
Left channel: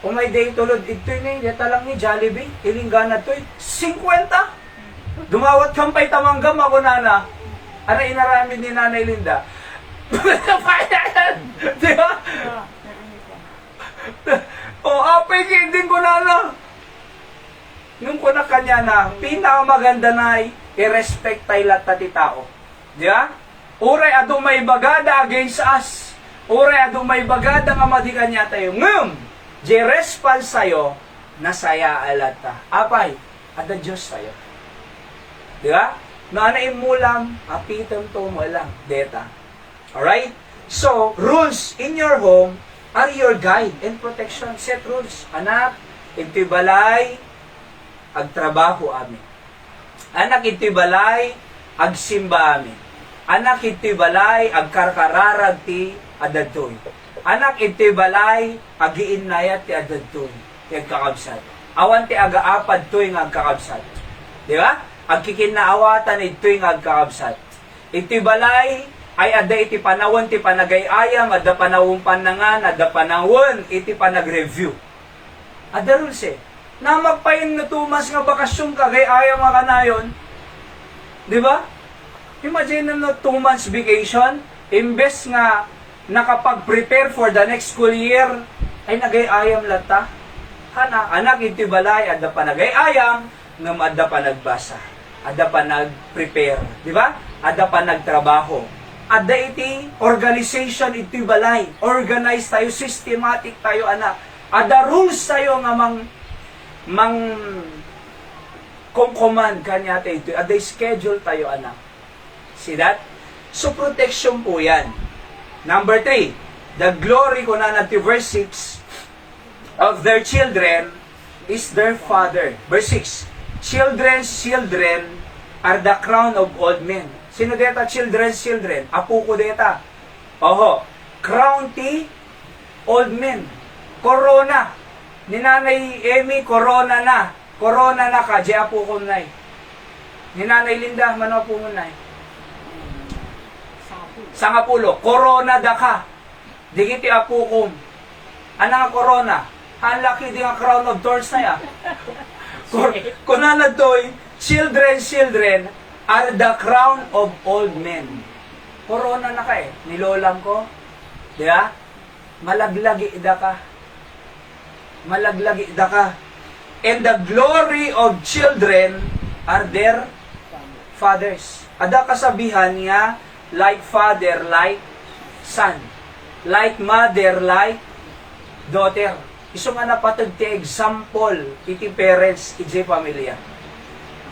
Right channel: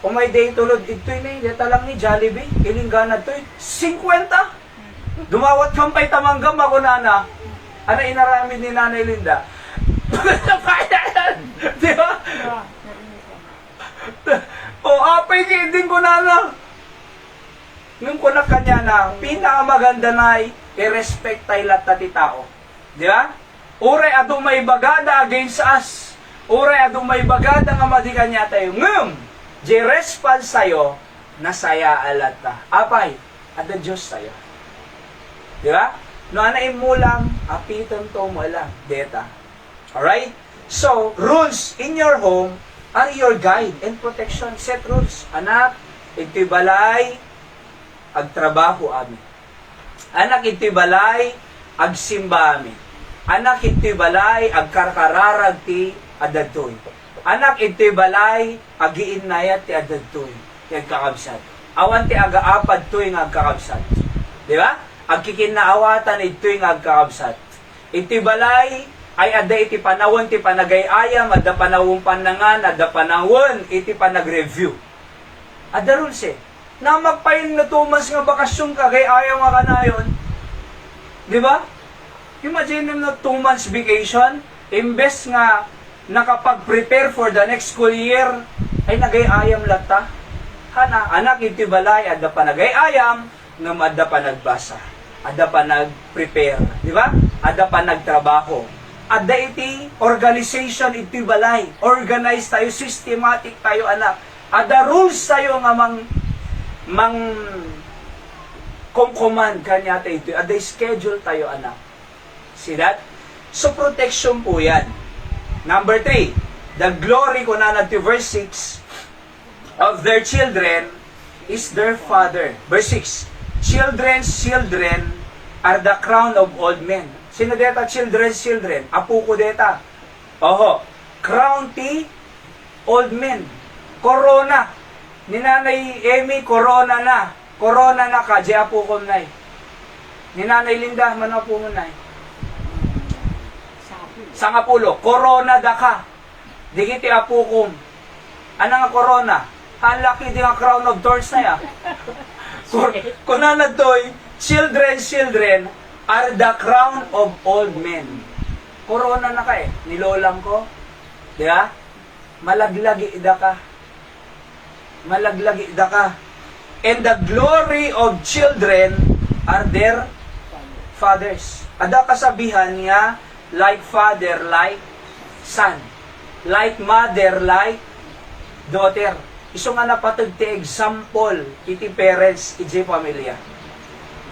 kung may day tulod, ito'y na, deta lang ni Jollibee, ilinggana to'y, 50! Dumawat kampay tamanggam ako nana, ano inaramid ni Nanay Linda? Di ba? Apay din ko na. Nung ko na kanya na, pinakamaganda na i-respect tayo lahat ti tao. Di ba? Uray ado may bagada against us. Uray ado may bagada nga madikan niya tayo. Di response tayo, nasaya alata. Apay, ada Diyos tayo. Di ba? No ana imulam, apitan to mo lang, deta. Alright? So, rules in your home are your guide and protection. Set rules. Anak, iti balay, agtrabaho amin. Anak, iti balay, agsimba amin. Anak, iti balay, agkarkararag ti adadtoy. Anak, iti balay, agiinnayat ti adadtoy. Ti agkakabsat. Awan ti agaapad to'y nga agkakabsat. Di ba? Agkikinaawatan ito'y nga agkakabsat. Iti balay, ay ada iti panawon ti panagayayam, ada panawon panangan, ada panawon iti panag-review. Ada rules na magpayin na tumas nga bakasyon kagayayam nga kanayon. Di ba? Imagine na 2 months vacation, imbes nga nakapag-prepare for the next school year, ay nagayayam lata. Hana, anak iti balay, ada panagayayam, nga ada panagbasa. Ada panag-prepare. Di ba? Ada panagtrabaho. Ada iti organization iti balay. Organize tayo, systematic tayo anak. Ada rules tayo nga mang kong-command kanya tayo ito. Ada schedule tayo anak. See that? So protection po yan. Number 3, the glory ko na nati verse 6 of their children is their father. Verse 6, children's children are the crown of old men. Sino deta children's children? Apo ko deta. Oho. Crown ti old men. Corona. Ni Nanay Emmy, corona na. Corona na ka, di apo ko nay. Ni Nanay Linda, mano po mo nay. Sangapulo, corona da ka. Digiti apo ko. Ano nga corona? Halaki di nga crown of thorns na ya. Kunana to'y, children are the crown of old men. Corona na ka eh. Nilolang ko. Di ba? Malaglagi da ka. Malaglagi da ka. And the glory of children are their fathers. Ada kasabihan niya, like father, like son. Like mother, like daughter. Iso nga napatag ti example iti parents, iti pamilya.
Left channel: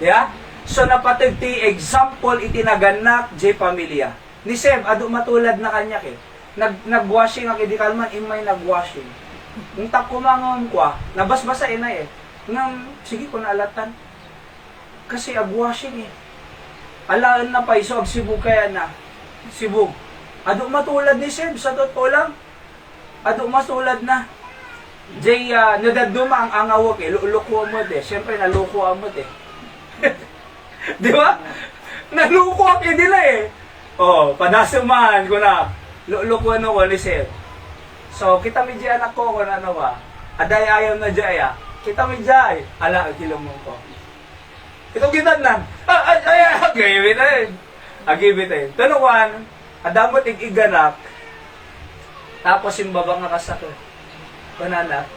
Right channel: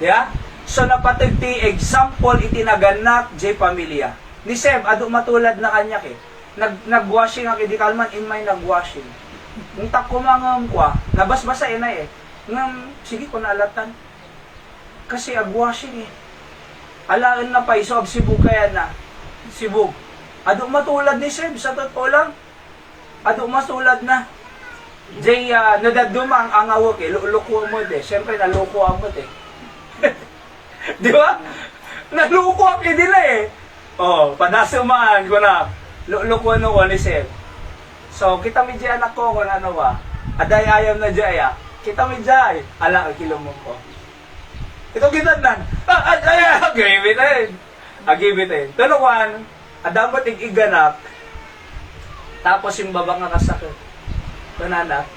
Yeah? So napatag ti example iti naganak, iti pamilya. Ni Seb, ado matulad na kanya ke. Nagwashing ang idi kalman, imay nagwashing. Nung takumangam kwa, nabasbasa inay eh. Nang, sige ko naalatan. Kasi agwashing eh. Alaan na pa, iso agsibog kaya na. Sibog. Ado matulad ni Seb, sa totoo lang. Ado matulad na. Jay, nadaduma ang awok eh, luko mo eh. Siyempre, naluko mo eh. Di ba? Naluko ako din eh. Oh, padasuman ko na. Luko no ko ni Seb. So, kita mi jay anak ko kung ano ba. Aday ayaw na jay ah. Kita mi jay. Ala, kilomong ko. Ito kita nan. Agibitin. Agibitin. Tunukan, adamot iganak. Tapos yung baba nga kasakit. Kunana,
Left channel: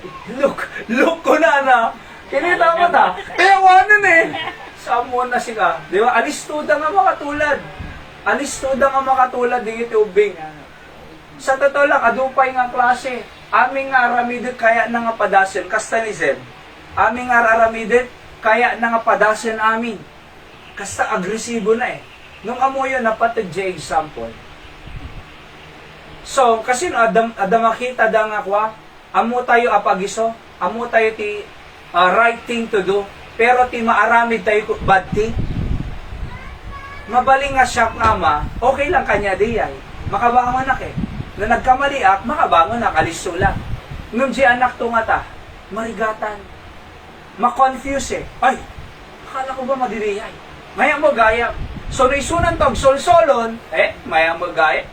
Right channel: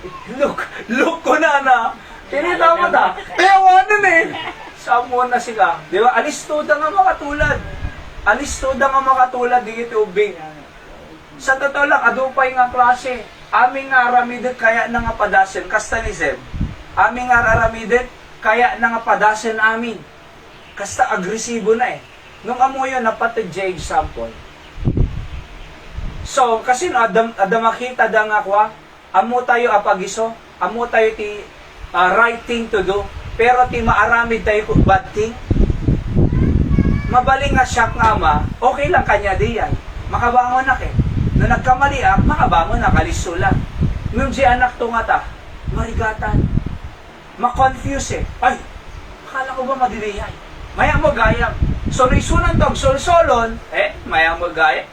look ko na na. Kinita mo ta. Kaya wanan eh. Samo na sila. Di ba? Alistuda nga makatulad. Alistuda nga makatulad. Di ito ubing. Sa totoo lang, adupay nga klase. Aming nga aramidit kaya na nga padasin. Kasta ni Zeb. Aming nga aramidit kaya na nga padasin amin. Kasta agresibo na eh. Nung amo yun, napatid dya example. So, kasi no, adamakita da nga kwa, amo tayo apagiso, amo tayo ti right thing to do, pero ti maaramid tayo bad thing. Mabaling nga siya nga ama, okay lang kanya diyan. Makabangon na ke. Na nagkamali makabangon na, kaliso lang. Nung di anak to nga ta, marigatan. Ma-confuse eh. Ay, akala ko ba madiliyay? Maya mo gayam. So, naisunan tog solsolon, maya mo gayam.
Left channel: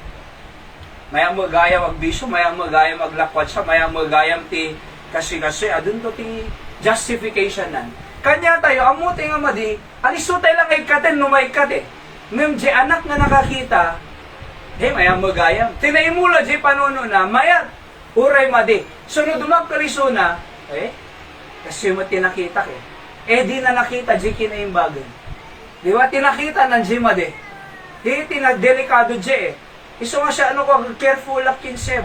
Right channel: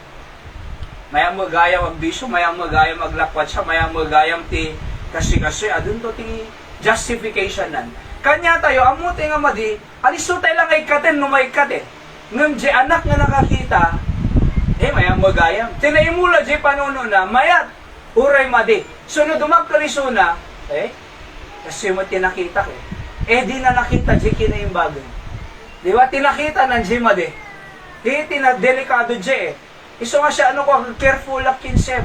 Maya mo gayam magbisyo, maya mo gayam maglakwat siya, maya mo gayam ti kasi, adun to ti justification nan. Kanya tayo, amuti nga madi, aliso tayo lang ikatin, numaikat eh. Ngam di anak nga nakakita, maya mo gayam. Tinaimulo di panuno na, mayat, uray madi. Sunod dumagkaliso na, kasi mo tinakita eh. Di na nakita di kinaimbagan. Di ba, tinakita ng di madi. Di tinadelikado di eh. Iso nga siya, careful ak kinseb.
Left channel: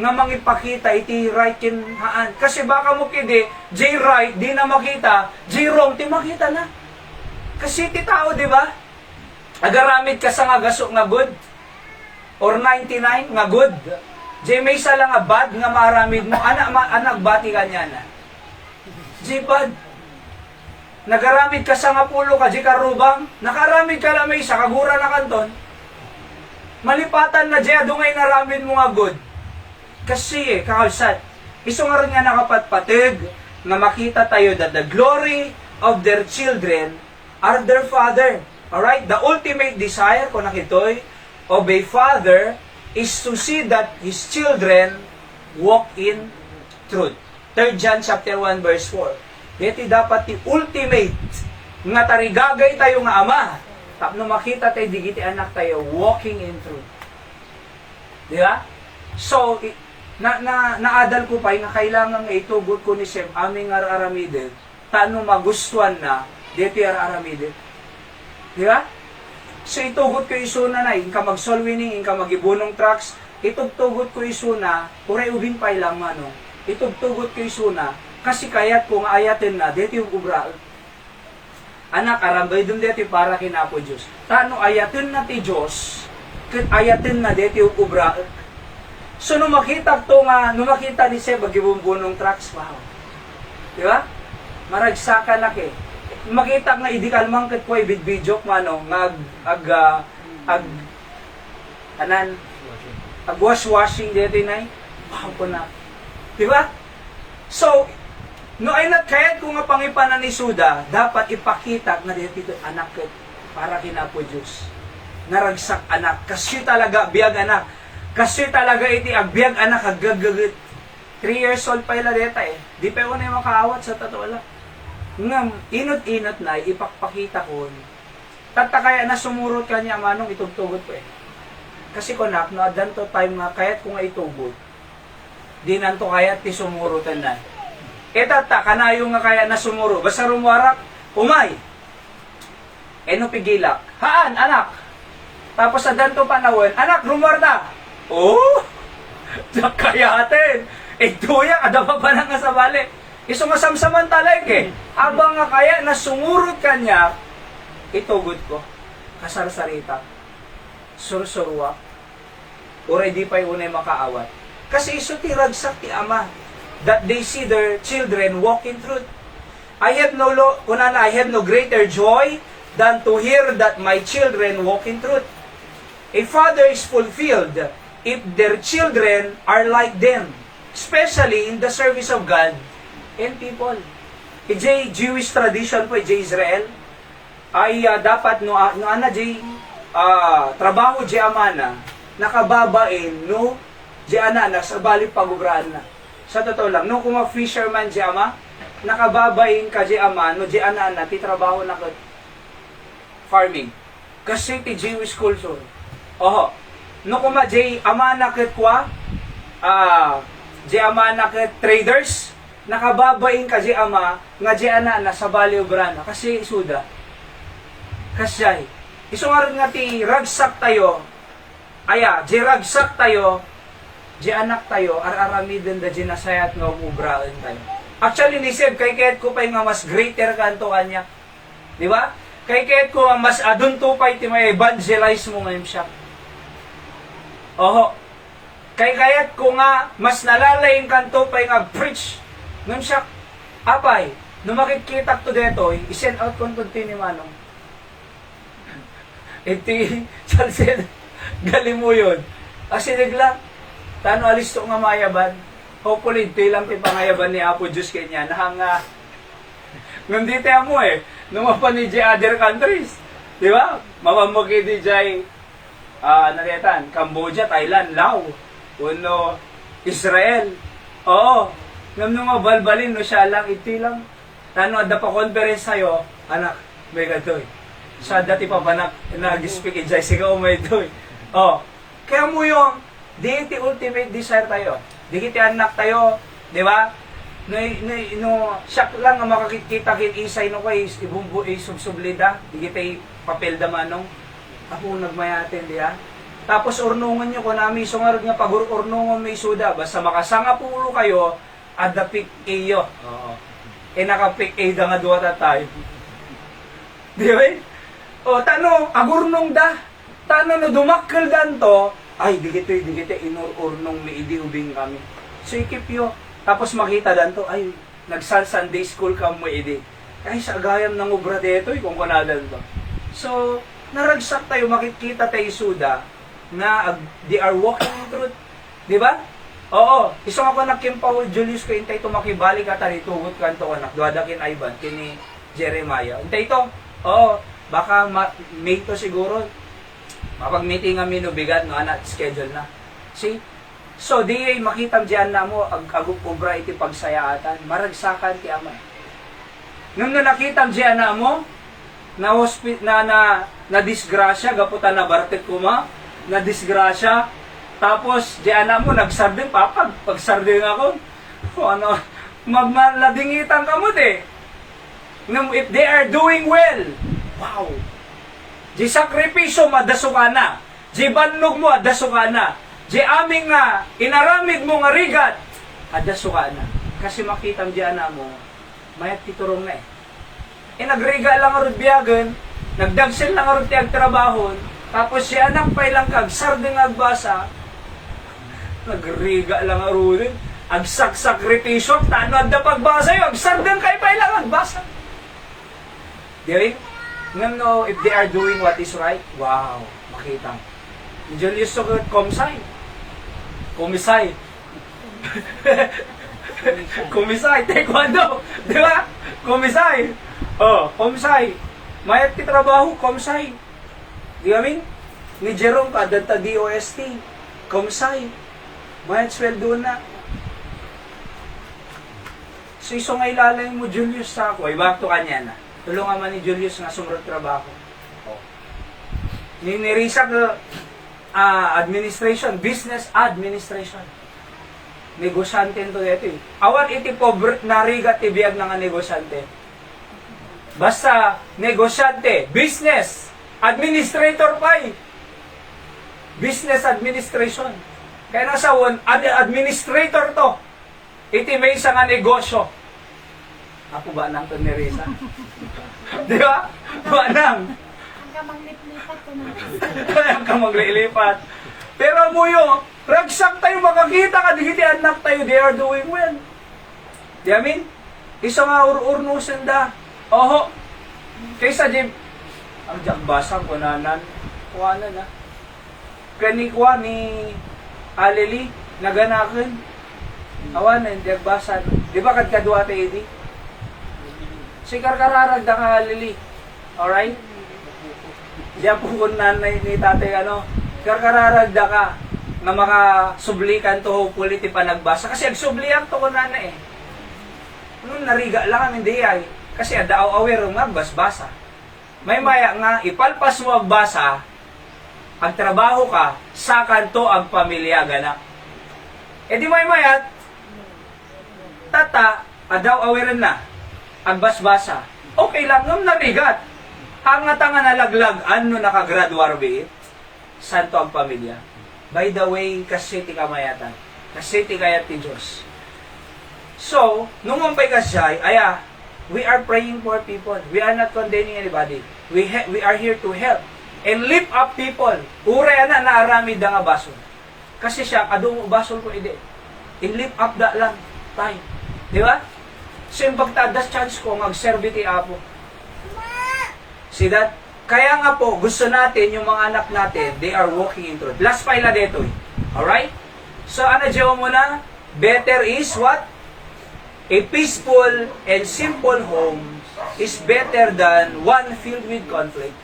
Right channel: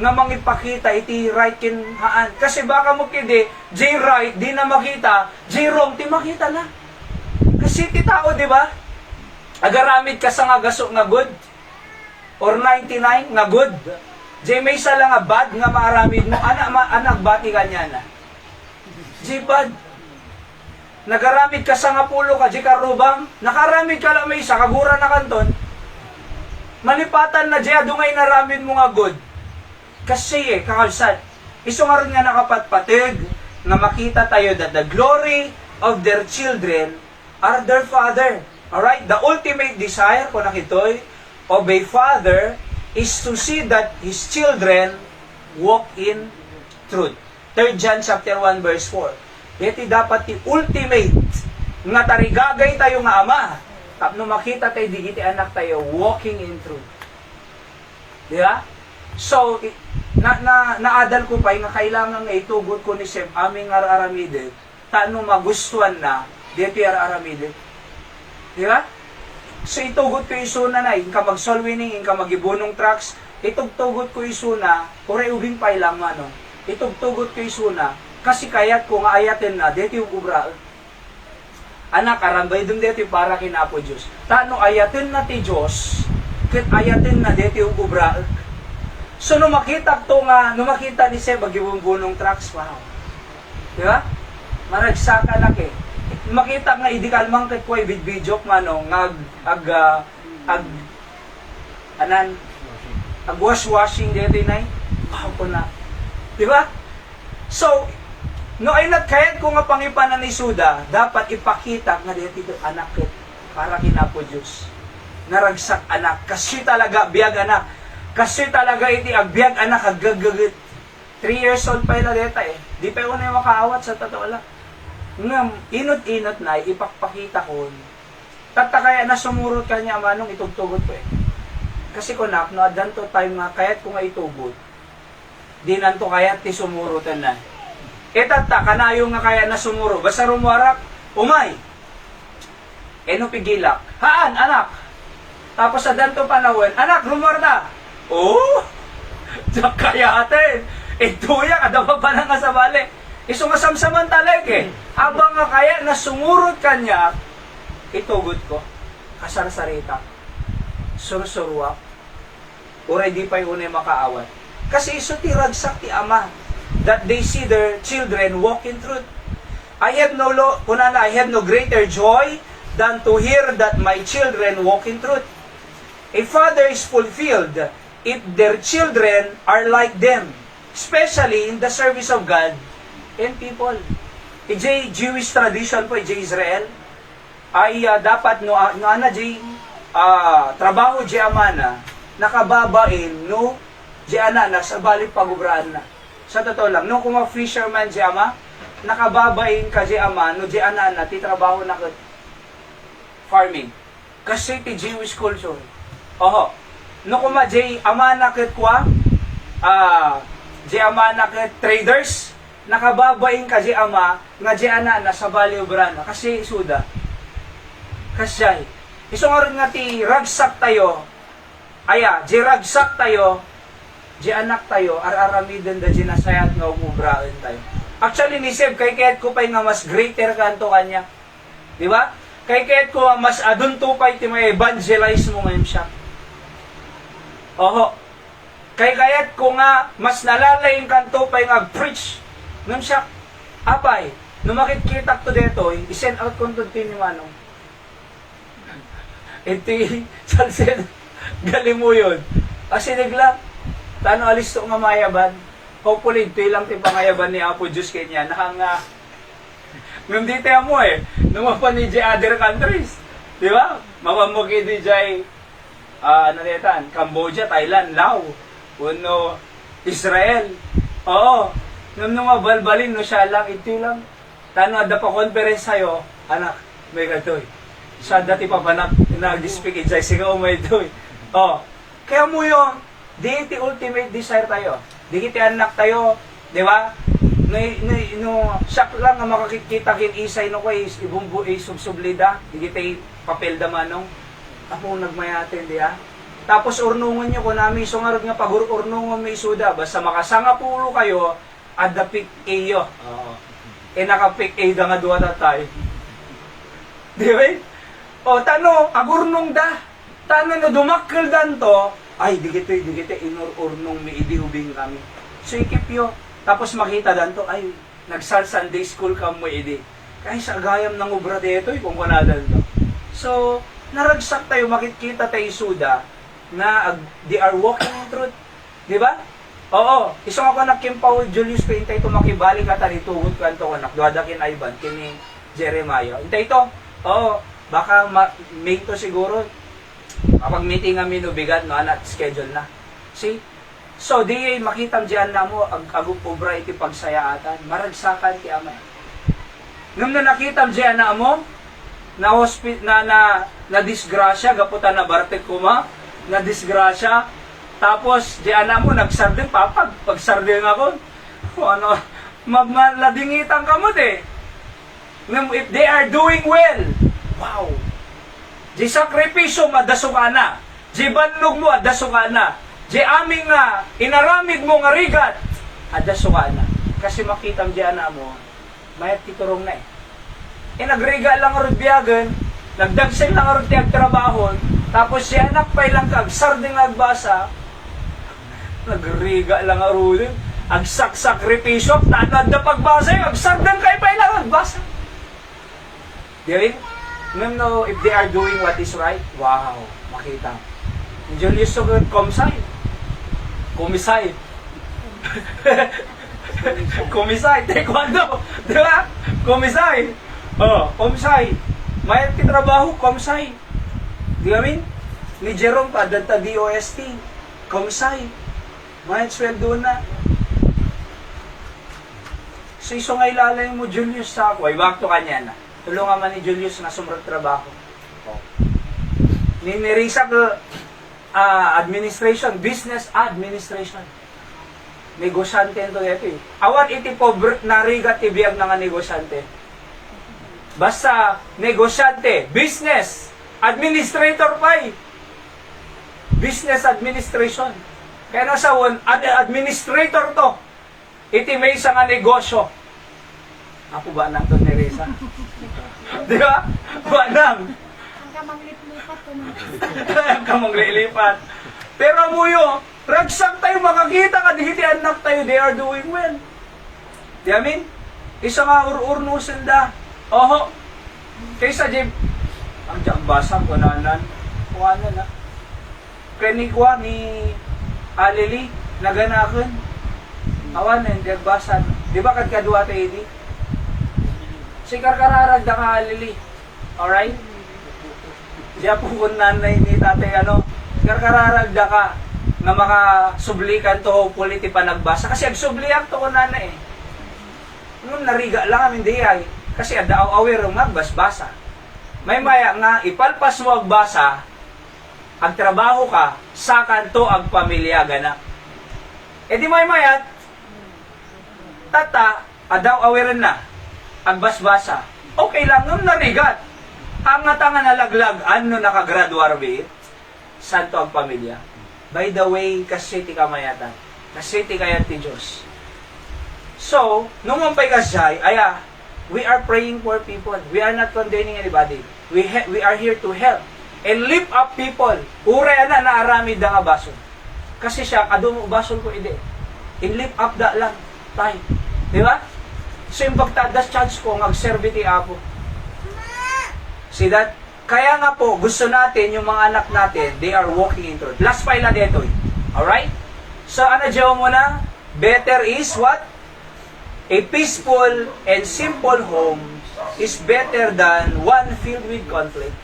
Nga mangipakita, iti right kin haan. Kasi baka mo kidi, J right, di na makita, J wrong, ti makita na. Kasi ti tao, di ba? Agaramid ka sa nga gaso nga good. Or 99 nga good. J may isa lang nga bad, nga maramid mo. Anak bati ka niya na. J bad. Nagaramid ka sa nga pulo ka, J karubang. Nakaramid ka lang may isa, kagura na kanton. Malipatan na dya, dungay naramid mo nga good. Kasi kakalsat. Iso nga rin nga nakapatpatig na makita tayo that the glory of their children are their father. Alright? The ultimate desire ko nakitoy of a father is to see that his children walk in truth. 3 John chapter 1 verse 4. Iti dapat ti ultimate nga tarigagay tayo nga ama. Tapno makita tayo, digiti anak tayo, walking in truth. Di ba? So, naadal ko pa, nga kailangan nga itugot ko ni Seb, aming araramidin, taano magustuhan na, dito araramidin. Di ba? So, itugot ko isuna na, inka mag-soul winning, inka mag-ibunong trucks, itugtugot ko isuna, kure ubing pa ilang ano, itugtugot ko isuna, kasi kayat ko nga ayatin na, dito yung ubra, anak, arambay dun dito para kinapo Diyos. Tano ayatin na ti Diyos, ayatin na dito yung ubra. So, nung makita ni Seb, mag-ibumbunong tracks, wow. Di ba? Maragsaka lang eh. Makita nga, idi kalmang kat po, ibidbidyok mano, wash-washing dito na wow po na. Di ba? So, no ay nagkayat ko nga pangipanan ni Suda, dapat ipakita nga dito anak ket para kinapo Diyos. Naragsak anak, kasi talaga biyag anak. Kasi talaga iti agbyag anak agagagit. 3 years old pa ila deta eh. Di pa ko na makaawat sa totoo lang. Ngam, inot-inot na, ipakpakita ko. Tatakaya na sumurot ka niya manong itugtugot ko eh. Kasi ko nak, no, danto time nga, kayat ko nga itubod. Di nanto kayat ti sumurutan na. Etata, kanayo nga kaya na sumuro. Basta rumwarak, umay. Eno pigilak. Haan, anak. Tapos sa danto panahon, anak, rumwarda. Oh! Diyak kaya atin. Ituya, kadaba pa na nga sa bali. Iso nga samsamantalag eh. Habang nga kaya na sumurot ka niya, itugod ko. Kasarsarita. Sursuruak. Already pa yung unay makaawat. Kasi iso ti ragsak ti ama. That they see their children walk in truth. I have no greater joy than to hear that my children walk in truth. A father is fulfilled if their children are like them, especially in the service of God and people. Jewish tradition po, Israel, ay dapat trabaho amana, nakababain, no, anak sa bali pagubraan na. Sa totoo lang, no, kung fisherman ama, nakababain ka ama, no, anak ti trabaho na farming. Kasi ti Jewish culture. Oho, no kuma ama na kwa, ama na traders, nakababain ka ama, nga anak na sa bali ubrana. Kasi isuda. Kasi iso nga rin nga ti ragsak tayo, ragsak tayo, anak tayo, araramiden da nasayat nga umubraan tayo. Actually, nisib, kay kahit ko pa'y nga mas greater kanto kanya. Di ba? Kay kahit ko mas adun to pa'y ti may evangelize mo ngayon siya. Oho. Kay kayat ko nga mas nalalayin kanto pa'y nga preach. Ngayon siya, apay, nung makikita ko dito, isend out ko ito ni Manong. Iti, salsin, galing mo yun. Kasi naglang, tano alis to nga mayaban. Hopefully, ito lang ti pangayaban ni Apo Diyos kanya. Nahanga, ngam di tayo mo eh, numapan ni other countries. Di ba? Mapamagi di jay, Cambodia, Thailand, Laos, uno, Israel. Oo, nung nga balbalin, no siya lang, iti lang. Tano, ada pa conference sa'yo, anak, may gatoy. Sa dati pa ba nag-speak ijay, sigaw may doy. Oh, kaya mo yun, di iti ultimate desire tayo. Di kiti anak tayo, di ba? No, siyak lang nga makakikita kin isay no kay ibumbu subsublida, di kiti papel da manong. Ako nagmayatin di ha. Tapos urnungon nyo ko nami sungarod nga pag-urnungon may suda, basta makasanga pulo kayo, adapik iyo. Oo. Nakapik da nga duwa tatay. Di ba? O, tano, agurnong da. Tano no dumakkel danto, ay, digite, inur-urnong may idihubing kami. So, ikip yo. Tapos makita danto, ay, nagsal-Sunday school ka mo idi. Kaya sa agayam ng ubra dito, kung kunadan to. So, naragsak tayo, makikita tayo suda, na they are walking in truth. Di ba? Oo. Isang ako nakimpaw, Julius ko, intay ito makibalik at alitugot ka ito, anak, duwadakin Ivan, kini Jeremiah. Intay ito. Oo. Baka may to siguro. Kapag meeting kami no bigat no anak schedule na. See? So di makita diyan na mo agug obra iti pagsayaatan, maragsakan ti ama. Ngem no nakita diyan na mo na disgrasya gaputan na barte kuma, na disgrasya tapos diyan na mo nagsardeng papag pagsardeng ako. O ano magmaladingitan ka mo de. Ngem if they are doing well, wow! Di sakripisyo madasukana. Di bannog mo adasukana. Di aming nga inaramid mo nga rigat adasukana. Kasi makita mo diyan na mo mayat titurong na eh. Nagriga lang arud biyagan, nagdagsen lang arud tiyag trabaho, tapos si anak pa'y lang kag sarding agbasa, nagriga lang arud, agsak-sakripisyo, tanad na pagbasa yun, agsardang kay pa'y lang agbasa. Di rin? No, if they are doing what is right, wow, makita. Julius Sogod, komisay. Komisay, taekwondo. Di ba? Komisay. Oh, komisay. Mayat ti trabaho, komisay. Di amin? Ni Jerome pa, danta DOST. Komisay. Mayat sweldo na. So iso nga ilalay mo, Julius, sa ako. Ay, back to kanya na. Tulungan man ni Julius nga sumrag trabaho. Oh. Ninirisa ko, administration, business administration. Negosyante ito ito eh. Awan iti pobre, narigat ibiyag na nga negosyante. Basta, negosyante, business, administrator pa eh. Business administration. Kaya nasa administrator to. Iti may isa nga negosyo. Ako ba nang to ni Risa? Di ba? Ba nang? Ang kamanglilipat ko na. Ang kamanglilipat. Pero muyo, ragsak tayo makakita ka, di anak tayo, they are doing well. Di amin? Isa nga urnusin da. Oho. Kaysa Jim, ang jakbasang ko na kuha na. Kanikwa ni Alili, naganakan. Awanan, jakbasan. Di ba kadkadwa tayo di? Sikar kararag da ka Alili. Alright? Diya po kung nanay ni tatay karkararag da ka nga makasublikan to hopefully ti panagbasa. Kasi agsublihan to ko nanay eh. Nung nariga lang hindi ay. Kasi adaaw aware nga basbasa. May maya nga ipalpas mo agbasa, agtrabaho ka, sa kanto ag pamilya gana. E di may mayat, tata, adaw aware na, agbasbasa. Okay lang, nung narigat. Ang nga tanga nalaglag, ano nakagraduar be? Santo ang pamilya. By the way, kasi ti kamayatan. Kasi ti kayat ti Diyos. So, nung mampay kasay, we are praying for people. We are not condemning anybody. We are here to help and lift up people. Uray na naaramid da nga basol. Kasi siya, kadumo basol ko ide. In lift up da lang tayo. Di ba? So yung pagtadas chance ko, mag-serve ti Apo. See that? Kaya nga po, gusto natin, yung mga anak natin, they are walking in truth. Last file na dito. Alright? So ano dyan mo na? Better is what? A peaceful and simple home is better than one filled with conflict.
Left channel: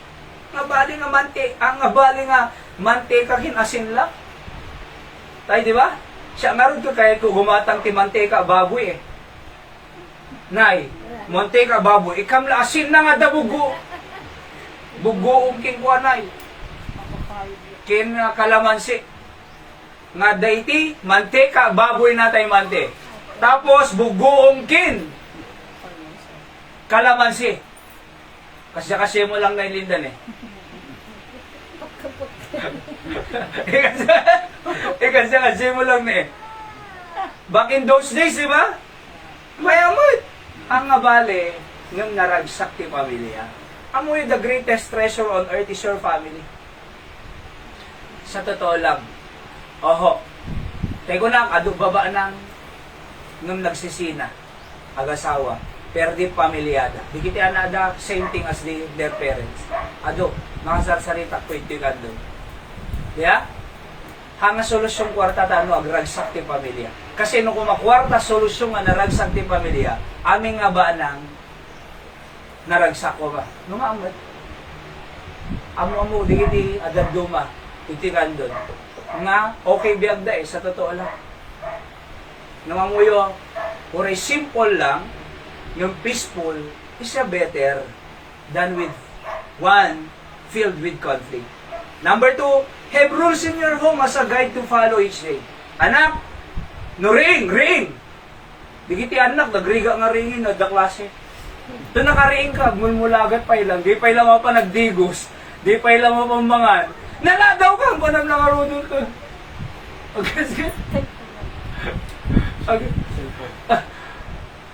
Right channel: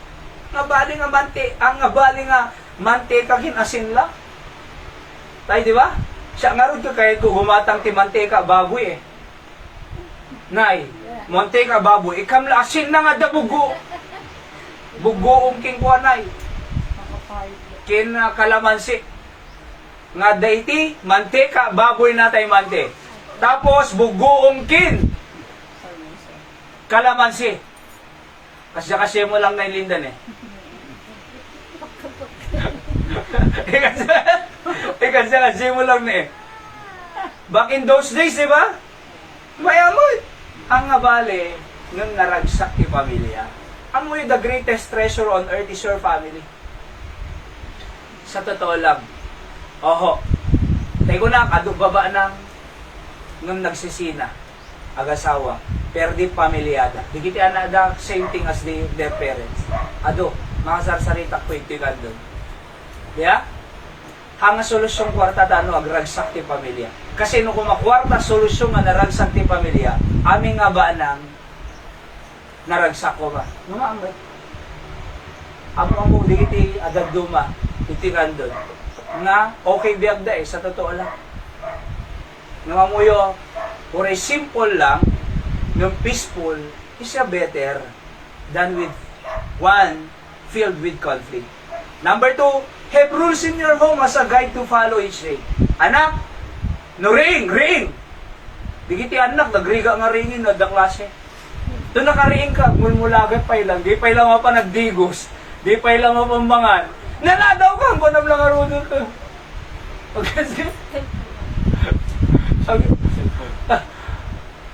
Ang abali nga manteka asin lang. Tayo, di ba? Siya nga rin ko kaya ko gumatang ti manteka baboy eh. Nay, manteka baboy, ikamla asin na nga da bugo. Bugo king kuanay. Kin kalamansi. Nga dayti, manteka baboy natay mante. Tapos bugoong kin. Kalamansi. Kasi mo lang nailindan eh. kasi mo lang na eh. Back in those days, di ba? Mayamot. Ang abale, ng naragsak ti pamilya. Amoy the greatest treasure on earth is your family. Sa totoo lang. Oho. Tego na, baba nang nung nagsisina. Agasawa. Perdi pamilyada. Di kiti anada same thing as their parents. Ado, makasarsarita ko iti kando. Yeah? Hanga solusyon kwarta tano agragsak ti pamilya. Kasi nung kumakwarta solusyon nga naragsak ti pamilya, aming nga ba nang naragsak ko ba? Numaamad. Amo di kiti adad duma iti kando. Nga okay biagda eh sa totoo lang. Nangamuyo, or simple lang, yung peaceful is a better than with one filled with conflict. Number 2, have rules in your home as a guide to follow each day. Anak, no ring! Di kiti anak, nagriga nga ringin, no, da klase. Ito nakariing ka, mulmulagat pa ilang, di pa ilang pa nagdigos, di pa ilang pambangan. Naladaw ka, bunam lang arunod ka. Okay,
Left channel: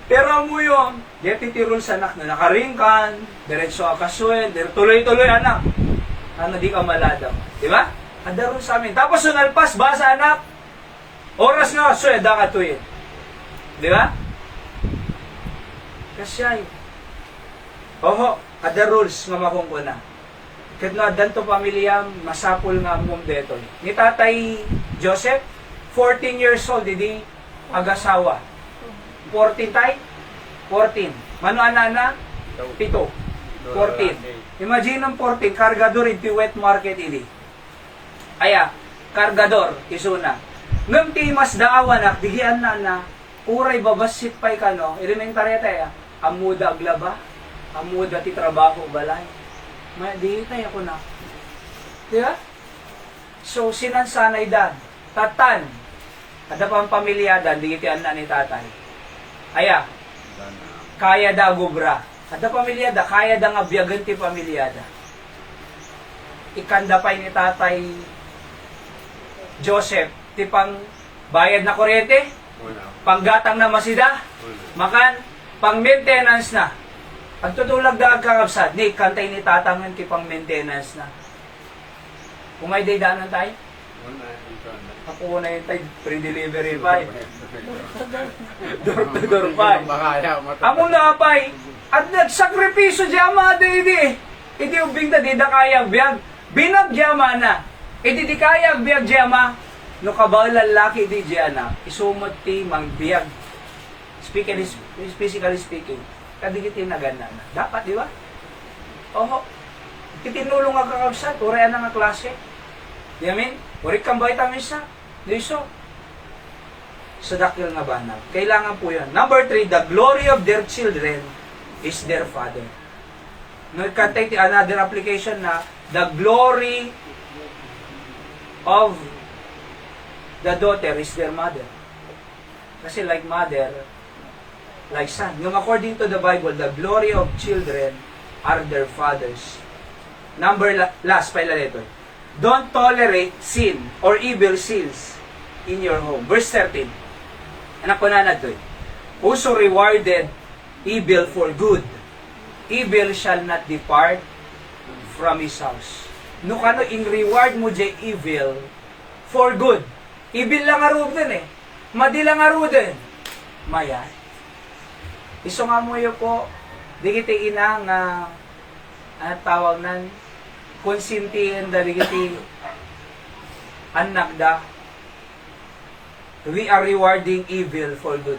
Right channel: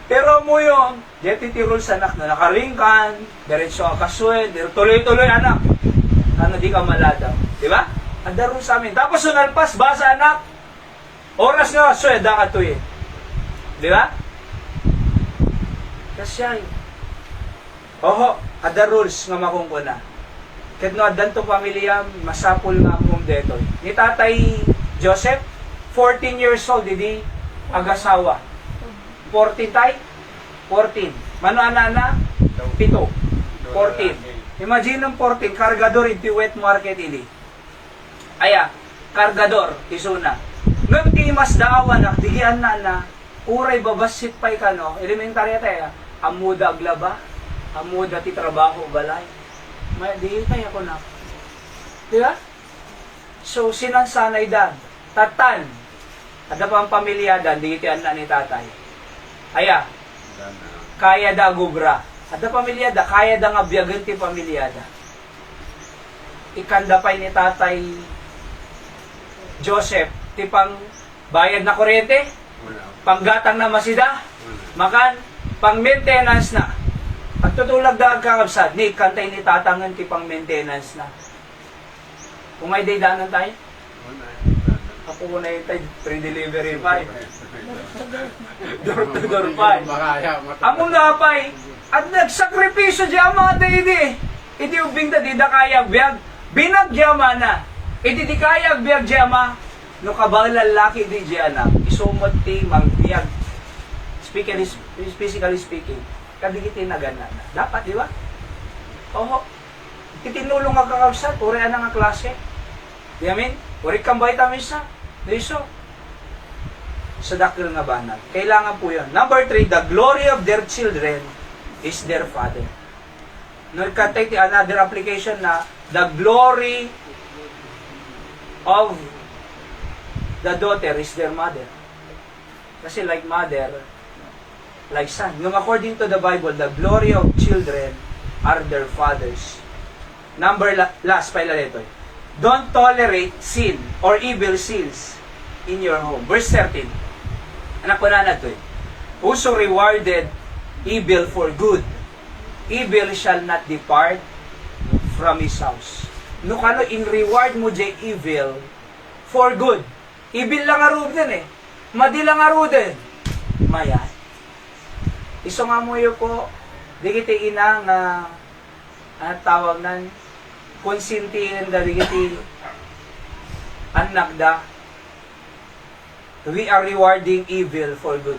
pero mo yung deputy rules anak na nakaringkan, diretso akasuen, tuloy-tuloy anak. Ano di ka maladaw. Di ba? Ada rules sa amin. Tapos sunalpas, basa anak. Oras nga, sueda ka to eh. Di ba? Kasyay. Oho, ada rules nga makungkuna. Kahit no, adanto pamilya, masapul nga mong detoy. Ni Tatay Joseph, 14 years old, hindi agasawa. 14 tay? 14. Mano ana 7. 14. Imagine ng 14, kargador iti wet market ili. Aya, kargador, isuna. Ngam ti mas daawan nak, digian na, uray babasit pa'y kano, elementary tayo, amuda aglaba, amuda ti trabaho balay. May, di tayo ako na. Diba? So, sinansanay dan, tatan, ada pang pamilyada, di iti na ni tatay. Aya, kaya da gubra. Ada pamilyada, kaya da nga biyagan ti pamilyada. Ikanda pa'y ni tatay Joseph, ti pang bayad na kuryente, panggatang na masida, makan, pang maintenance na. At tutulag da agkakabsat, ni kantay ni tatangan ti pang maintenance na. Kung may daydanan tayo, ako muna yung tayo, pre-delivery pa eh. Door to door pa eh. Among napay, at nagsakripisyo di ama di. Iti ubing ta di da kayag biyag. Binagyama na. Iti di kayag biyag di ama. No kabal lalaki di di anak. Isumot ti magbiag. Physically speaking. Kadigiti na gana na. Dapat di ba? Oho. Itinulong nga kakabsat. Uri na nga klase. Di amin? Uri kang vitamins na. Di so. Sa dakil nga banal. Kailangan po yun. Number 3, the glory of their children is their father. Nagkatay ti another application na the glory of the daughter is their mother. Kasi like mother, like son. Nung according to the Bible, the glory of children are their fathers. Last, pala dito. Don't tolerate sin or evil sins in your home. Verse 13. Anak ko na to. Whoso rewarded evil for good, evil shall not depart from his house. No kano in reward mo jay evil for good. Evil lang aro din eh. Madi lang aro din. Mayan. Iso nga mo yun po, di kita ina nga tawag nan konsintihin da di kita anak da. We are rewarding evil for good.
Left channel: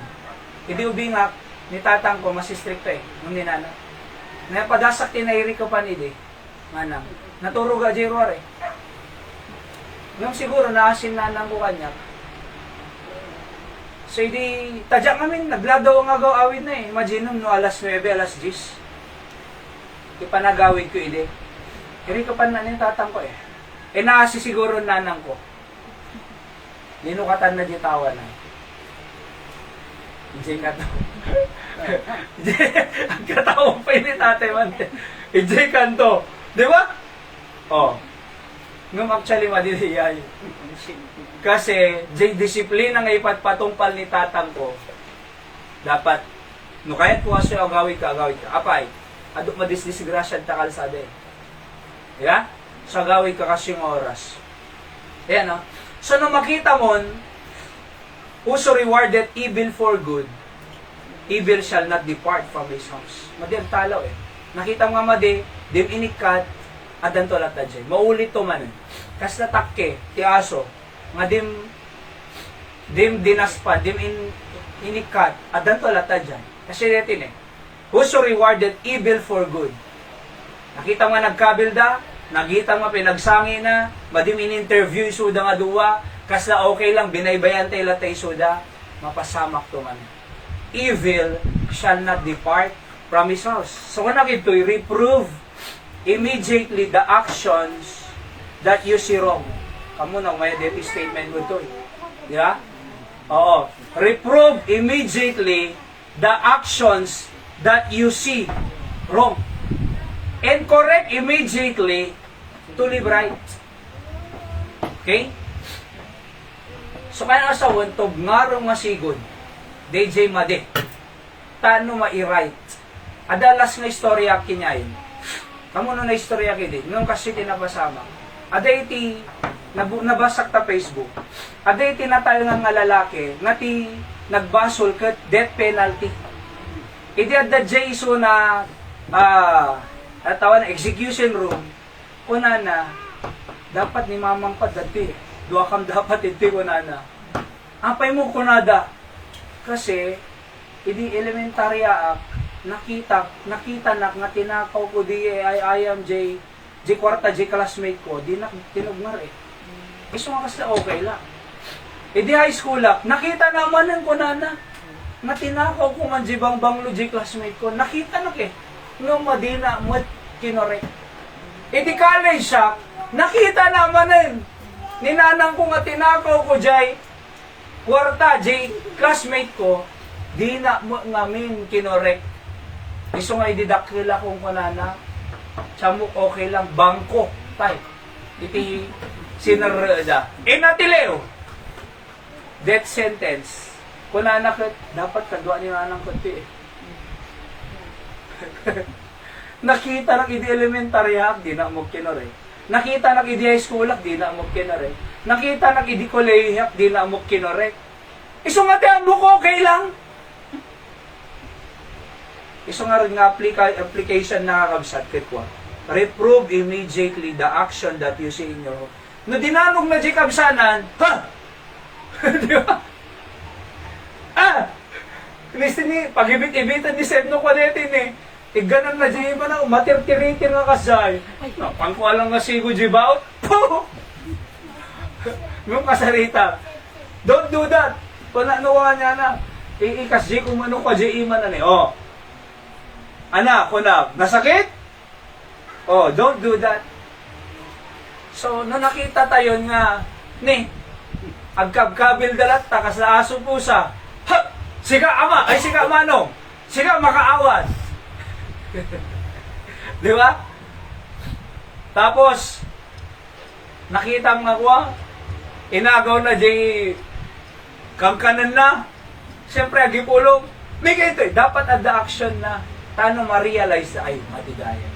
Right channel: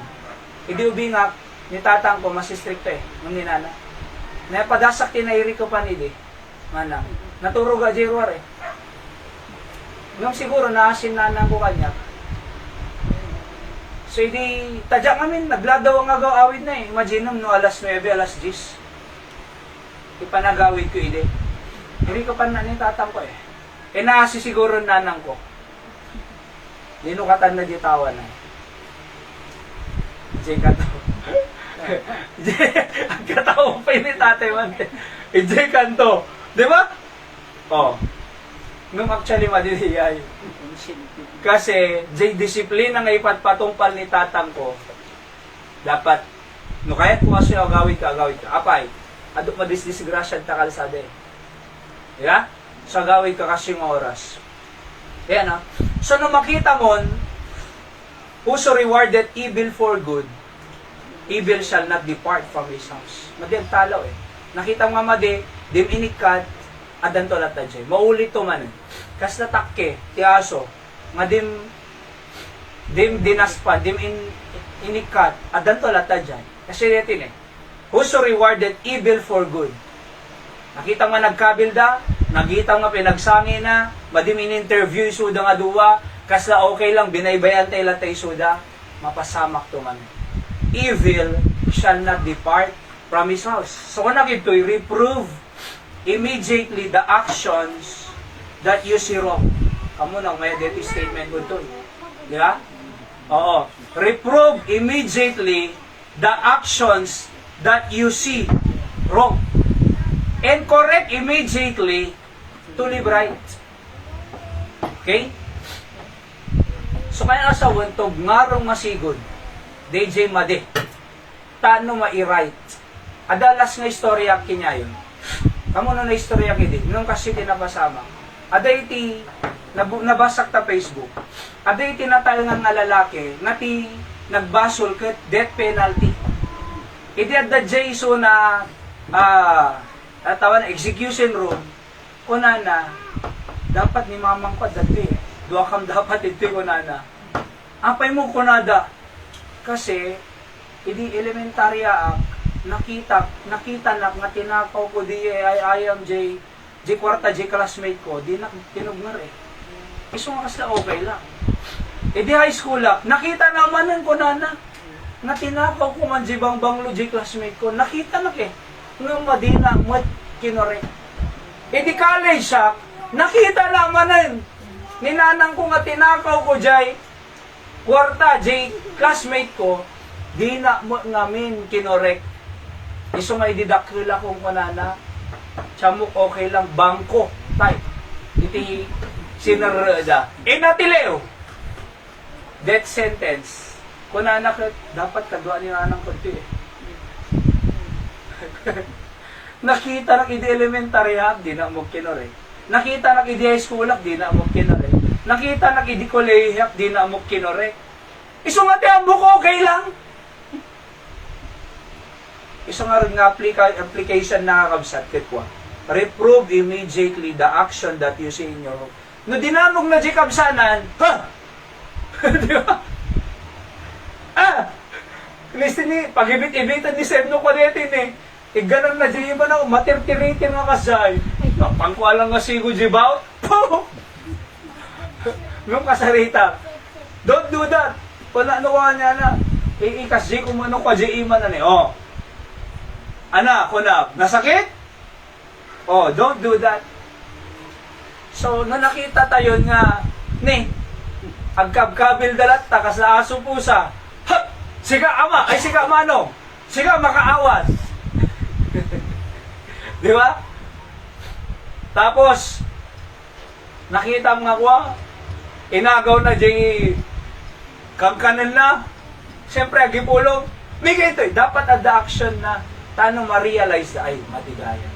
Hindi ubi nga, ni tatang ko, mas stricto eh, nung ninana. Napadasak tinairi ko pa nidi. Manang, naturo ga jirwar eh. Ngam siguro, naasin nanang ko kanya. So, hindi, tadyak namin, nagladaw ang agaw-awid na eh. Imagine no, alas 9, alas 10. Ipanagawid ko hindi. Iri ko pa niya tatang ko eh. E naasi siguro nanang ko. Linukatan na di tawa na. Diyan katawa. Ang katawa pa yun ni tatay mante. Diyan kanto. Di ba? Oh. Ngum actually madiliyay. Kasi, diyan disiplina nga ipatpatungpal ni tatang ko. Dapat, no kahit kung kasi agawid ka. Apay, adok madisdisgrasya ta kalsada eh. Di ba? Sa agawid ka kasi yung oras. Ayan ha. So, nung makita mo, whoso rewarded evil for good, evil shall not depart from his house. Madem talaw eh. Nakita mo nga madi, dim inikat, adan to lata dyan. Maulit to man. Kas natakke, ti aso, nga dim dinaspa, inikat, adan to lata dyan. Kasi retin eh. Whoso rewarded evil for good. Nakita mo nagkabilda, nakita mo pinagsangi na, madim in-interview suda nga duwa, kasla okay lang, binaybayan tayo latay suda, mapasamak to man. Evil shall not depart from his house. So kung nakito'y reprove immediately the actions that you see wrong. Kamu na, may identity statement ko ito. Di ba? Oo. Reprove immediately the actions that you see wrong. And correct immediately to live right. Okay? So kaya nga sa wantog ngarong masigod, DJ Made, tano ma-right. Adalas nga istorya kinyayon. Kamu na istorya kidi, nung kasi tinapasama. Aday iti, nabasak ta Facebook. Aday iti natayo nga lalaki, nati nagbasol kat death penalty. Iti adda Jaiso na tawa na execution room, kuna na, dapat ni mamang pa dati. Dua kam dapat iti kuna na. Apay mo kunada. Kasi, Idi elementarya nakita na nga tinakaw ko di I am J kwarta J classmate ko, di na tinugmar eh. Iso nga kasla okay lang. Idi high school nakita naman ng kunana nga tinakaw ko nga J banglo J classmate ko, nakita na eh. Nga madina mo kinorek. Idi college nakita naman ninanang ko nga tinakaw ko J kwarta J classmate ko, di na mo ngamin kinorek. Iso nga ididakila kong kanana, chamuk okay lang, bangko, tay. Iti sinarada. Natileo, death sentence. Kunana ka, dapat kagawaan ni nanang kunti eh. Nakita ng idi elementary di na mo kinorek. Nakita ng idi high school di na mo kinorek. Nakita ng idi college di na mo kinorek. Iso nga ti amok okay lang. Iso nga rin nga application na kakabsat kitwa. Reprove immediately the action that you see in your home. No dinamog na di kabsanan, ha? Di ba? Listen ni, pag-ibit-ibitan ni Sebno ko natin eh. Ganon na di ba na, matirtiritin nga kasay. Napangkualang nga sigo di ba? Nung kasarita. Don't do that. Kung nanuwa niya na, ikas di kung ano ka di iman na ni. Oh. Anak, kunab, nasakit? Oh, don't do that. So, no nakita tayo nga, agkabkabil dalat, takas na aso pusa. Ha! Siga ama, ay siga manong, siga makaawat. Di ba? Tapos, nakita mga kuwa, inagaw na di kangkanan na, siyempre, agipulong, may ganito dapat at the action na, tano ma-realize na, ay, matigaya.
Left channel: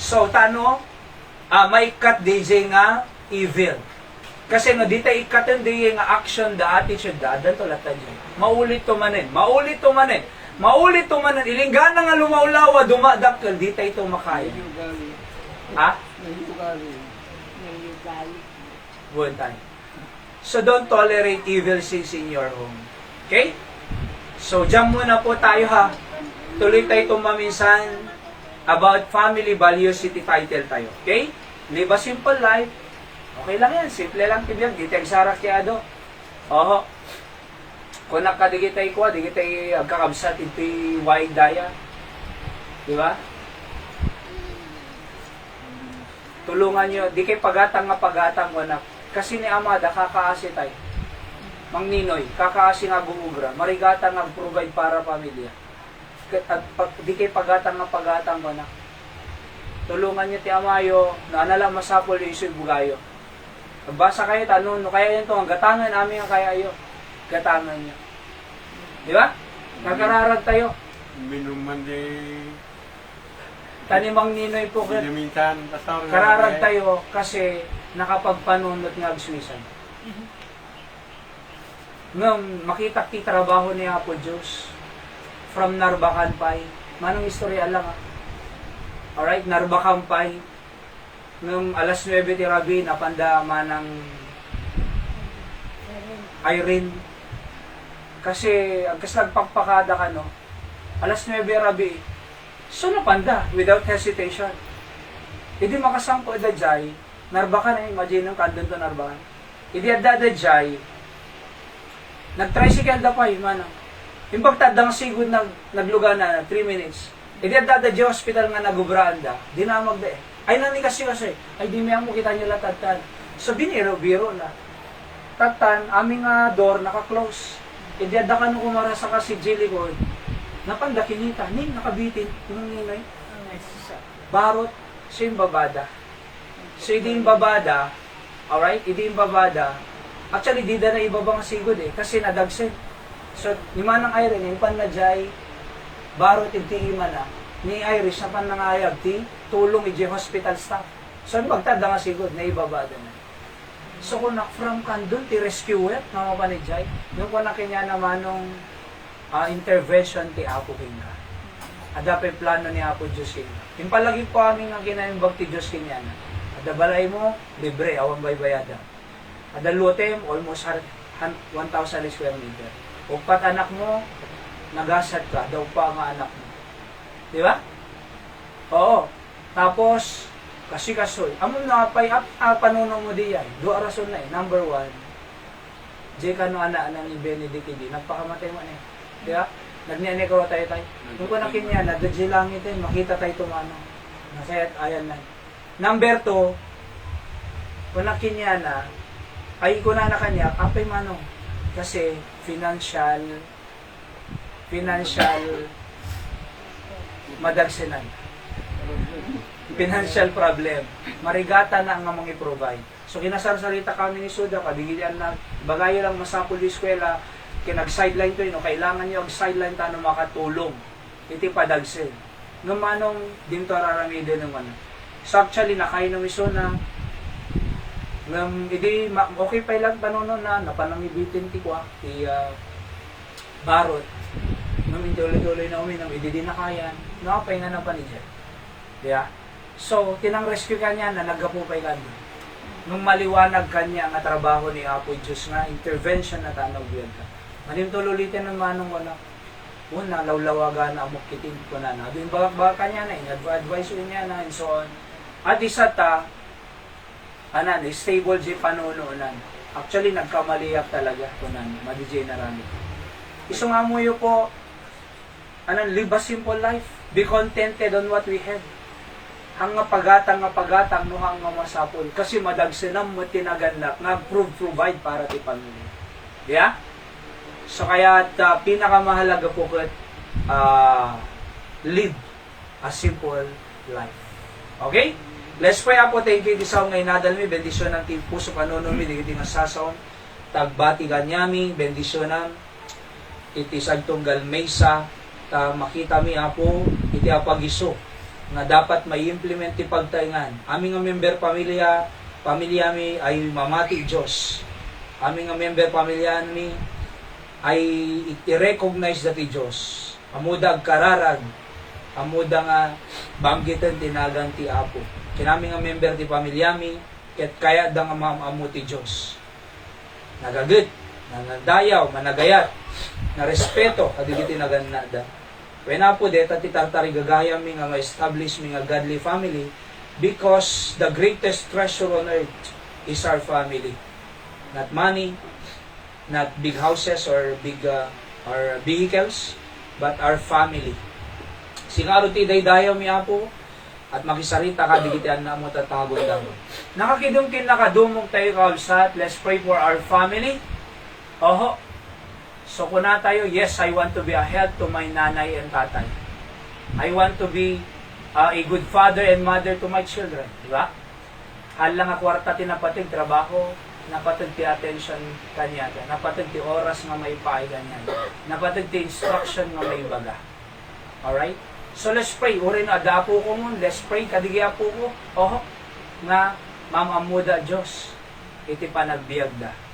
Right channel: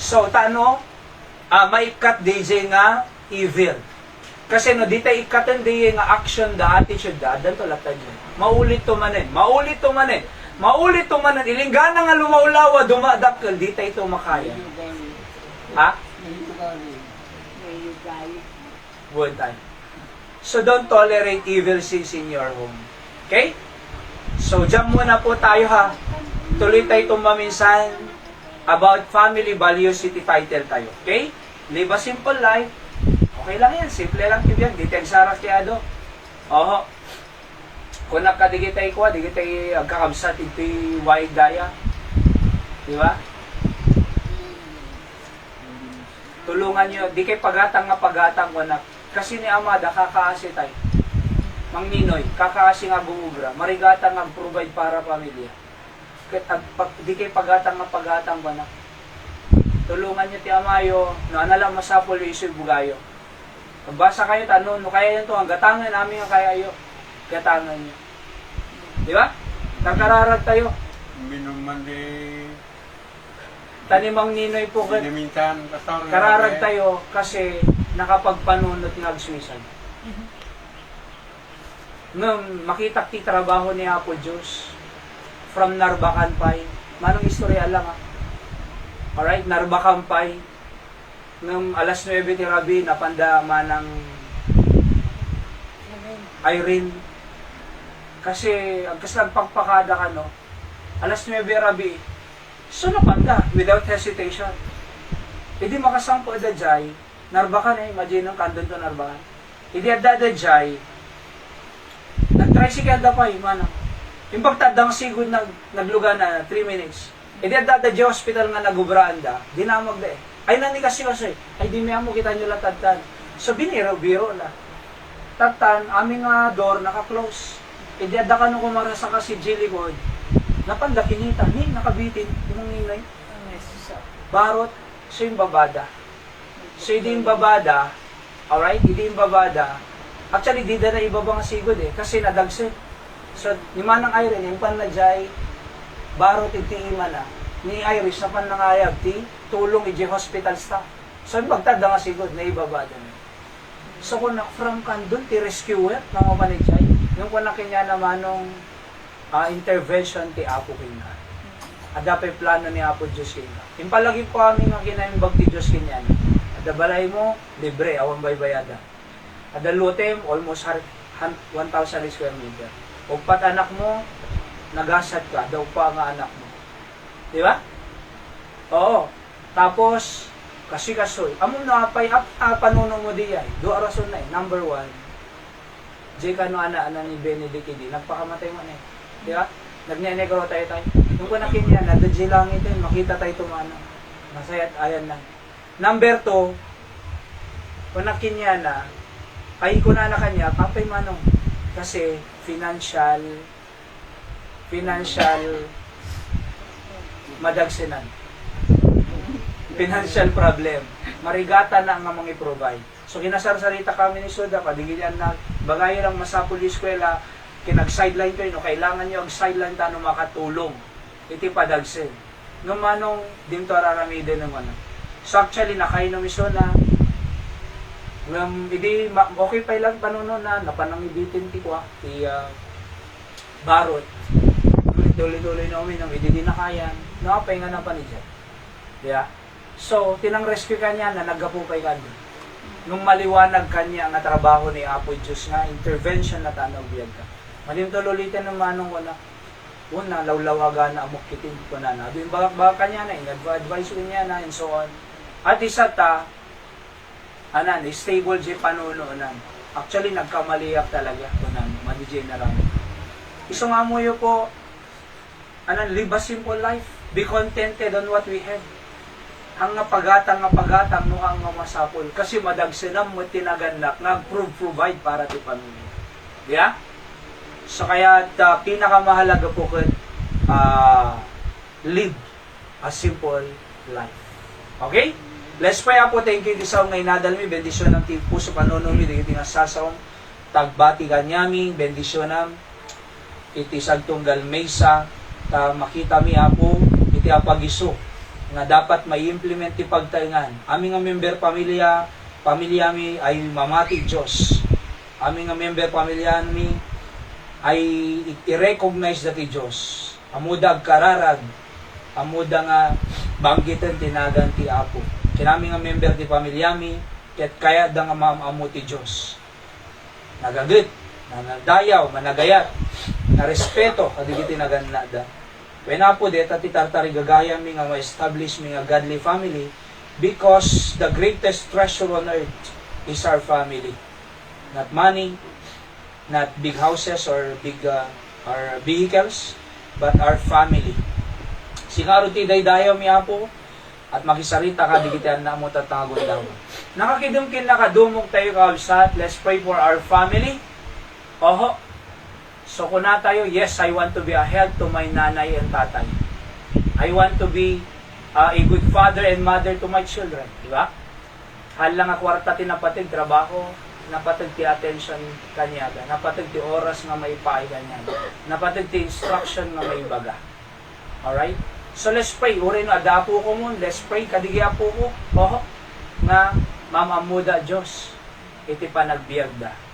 So, tano, may cut DJ nga evil. Kasi no, di tayo ikatin DJ nga action, the attitude, the adan to latan dyan. Maulit tumanin, maulit tumanin, maulit tumanin, ilinggana nga lumaulawa, dumadakkel, di tayo ito makaya. Ha? One time. So, don't tolerate evil sins in your home. Okay? So, dyan muna po tayo ha. Tuloy tayo tumaminsan about family values, city title tayo. Okay? Live a simple life. Okay lang yan. Simple lang kibyan. Di tayo sarak kaya do. Oho. Kung nakadigitay ko, digitay agkakabsat ito wide daya. Di ba? Tulungan nyo. Di kay pagatang nga pagatang ko na. Kasi ni Amada, kakaasi tayo. Mang Ninoy, kakaasi nga guubra. Marigata nga provide para pamilya. Di kay pagatang nga pagatang ko na. Tulungan nyo ti Amayo, no anala masapol yung isip bugayo. Nagbasa kayo, tanong, no kaya nito, ang gatangan namin yung kaya ayo. Gatangan nyo. Di ba? Nakararag tayo. Minuman di... Tanimang Ninoy po, Minsan, pastor. kararag tayo kasi nakapagpanunot nga agsuisan. Nung makita ti trabaho ni Apo Diyos, from Narbacan Pay, manong istorya lang ha. Alright, Narbacan Pay, nung alas 9 ti Rabi, napanda manang Irene. Kasi, ang kasagpagpakada ka no, alas 9 Rabi, so napanda, without hesitation. Hindi makasangpo edadjay, Narbacan ay imagine ng kandun to Narbacan. Hindi edadjay, nag-tricycle da pa mano. Yung pagtadang sigod nagluga na 3 minutes. Hindi edadjay hospital nga nagubraan da, dinamag da eh. Ay nani kasi ay di mo kita nyo latatan. So biniro-biro na. Tatan, aming door naka-close. Hindi adda ka nung kumara sa kasi Jiligod. Napanda kinita, nakabitin, yung ninay. Barot, so yung babada. So hindi yung babada, alright, hindi yung babada. Actually, di na ibabang sigod eh, kasi nadagsin. So, ni Manang Irene, yung panladjay, barot iti ima na, ni Irish na panangayag, ti tulong iti hospital staff. So, yung pagtada nga sigod, na ibabada na. So, kung from kandun, ti rescuer, mga panadjay, yung kung nakinya naman nung intervention ti Apo Kinga. Adapay plano ni Apo Diyos Kinga. Yung palagi po kami nga kinaimbag ti Diyos Kinga. Adabalay mo, libre, awang baybayada. Adalutem, almost 1,000 square meter. O pat anak mo, nagasad ka, daw pa nga anak mo. Di ba? Oo. Tapos, kasi kasoy, amo na pay panuno mo di ay. Dua rason na eh. Number one, di ka no ana ni Benedict hindi, nagpakamatay mo na eh. Di ba? Nagnenegro tayo. Nung kunakin niya, nadadji langit eh, makita tayo tumano. Nasayat ayan na. Number two, kunakin niya na, ay ko na kanya, kapay manong. Kasi, financial madagsinan. Financial problem. Marigata na ang mga i-provide. So, kinasarsarita kami ni Suda, kabigilyan na, bagay lang masapul di eskwela, kinag-sideline ko yun, kailangan nyo ang-sideline tano makatulong. Iti padagsin. Nung manong, dinto araramide ng ano. So, actually, nakain na miso na, okay pa lang panono na, napanangibitin ti kwa, ti barot. Nung ituloy-tuloy na uminom, hindi na kaya, nakapay nga ng panidyan. Yeah. So, tinang rescue kanya na nagapupay kanya. Nung maliwanag kanya ang trabaho ni Apoy Diyos nga, intervention na tanaw biyag ka. Malimtululitin ng manong wala. Una, lawlawaga na amok kitin ko na na. Doon ba kanya na, in-advise ko niya na, and so on. At isa ta, stable di panuno na. Actually, nagkamaliyak talaga ko na, madi-general. Isang amoyo po, live a simple life. Be contented on what we have. Ang pagatang no ang masapol. Kasi madagsinam mo tinagandak nga provide para ti pamilya. Yeah? So kaya pinakamahalaga po kat live a simple life. Okay? Let's pray po. Thank you di sa ngay nadalmi. Bendisyon ng puso panunumi. Di nga sasawang tagbati ganyami. Bendisyonan. Iti sagtunggal mesa. Makita mi apo. Iti apagiso nga dapat may implement ti pagtaingan. Aming nga member pamilya mi ay mamati Diyos. Aming nga member pamilya mi ay i-recognize dati Diyos. Amuda kararag, amuda nga banggitan tinagan ti Apo. Kinami nga member ti pamilya mi, ket kaya da nga maamu ti Diyos. Nagagit, nanadayaw, managayat, na respeto, kadigiti naganada. When po deta ti tartari gagayang mi nga ma-establish mi nga godly family because the greatest treasure on earth is our family. Not money, not big houses or big or vehicles, but our family. Singaro ti daydayaw mi apo at makisarita ka digitian na mo tatangagod daw. Nakakidumkin nakadumog tayo kaulsat. Let's pray for our family. Oho. So kung na tayo, yes, I want to be a help to my nanay and tatay. I want to be a good father and mother to my children. Di ba? Hal lang a kwarta tinapatid, trabaho, napatid ti attention kanya. Napatid ti oras nga may paay kanya. Napatid ti instruction nga may baga. Alright? So let's pray. Uri na agapo ko mo. Let's pray. Kadigya po ko. Oho. Nga, mamamuda Diyos. Iti panagbiagda.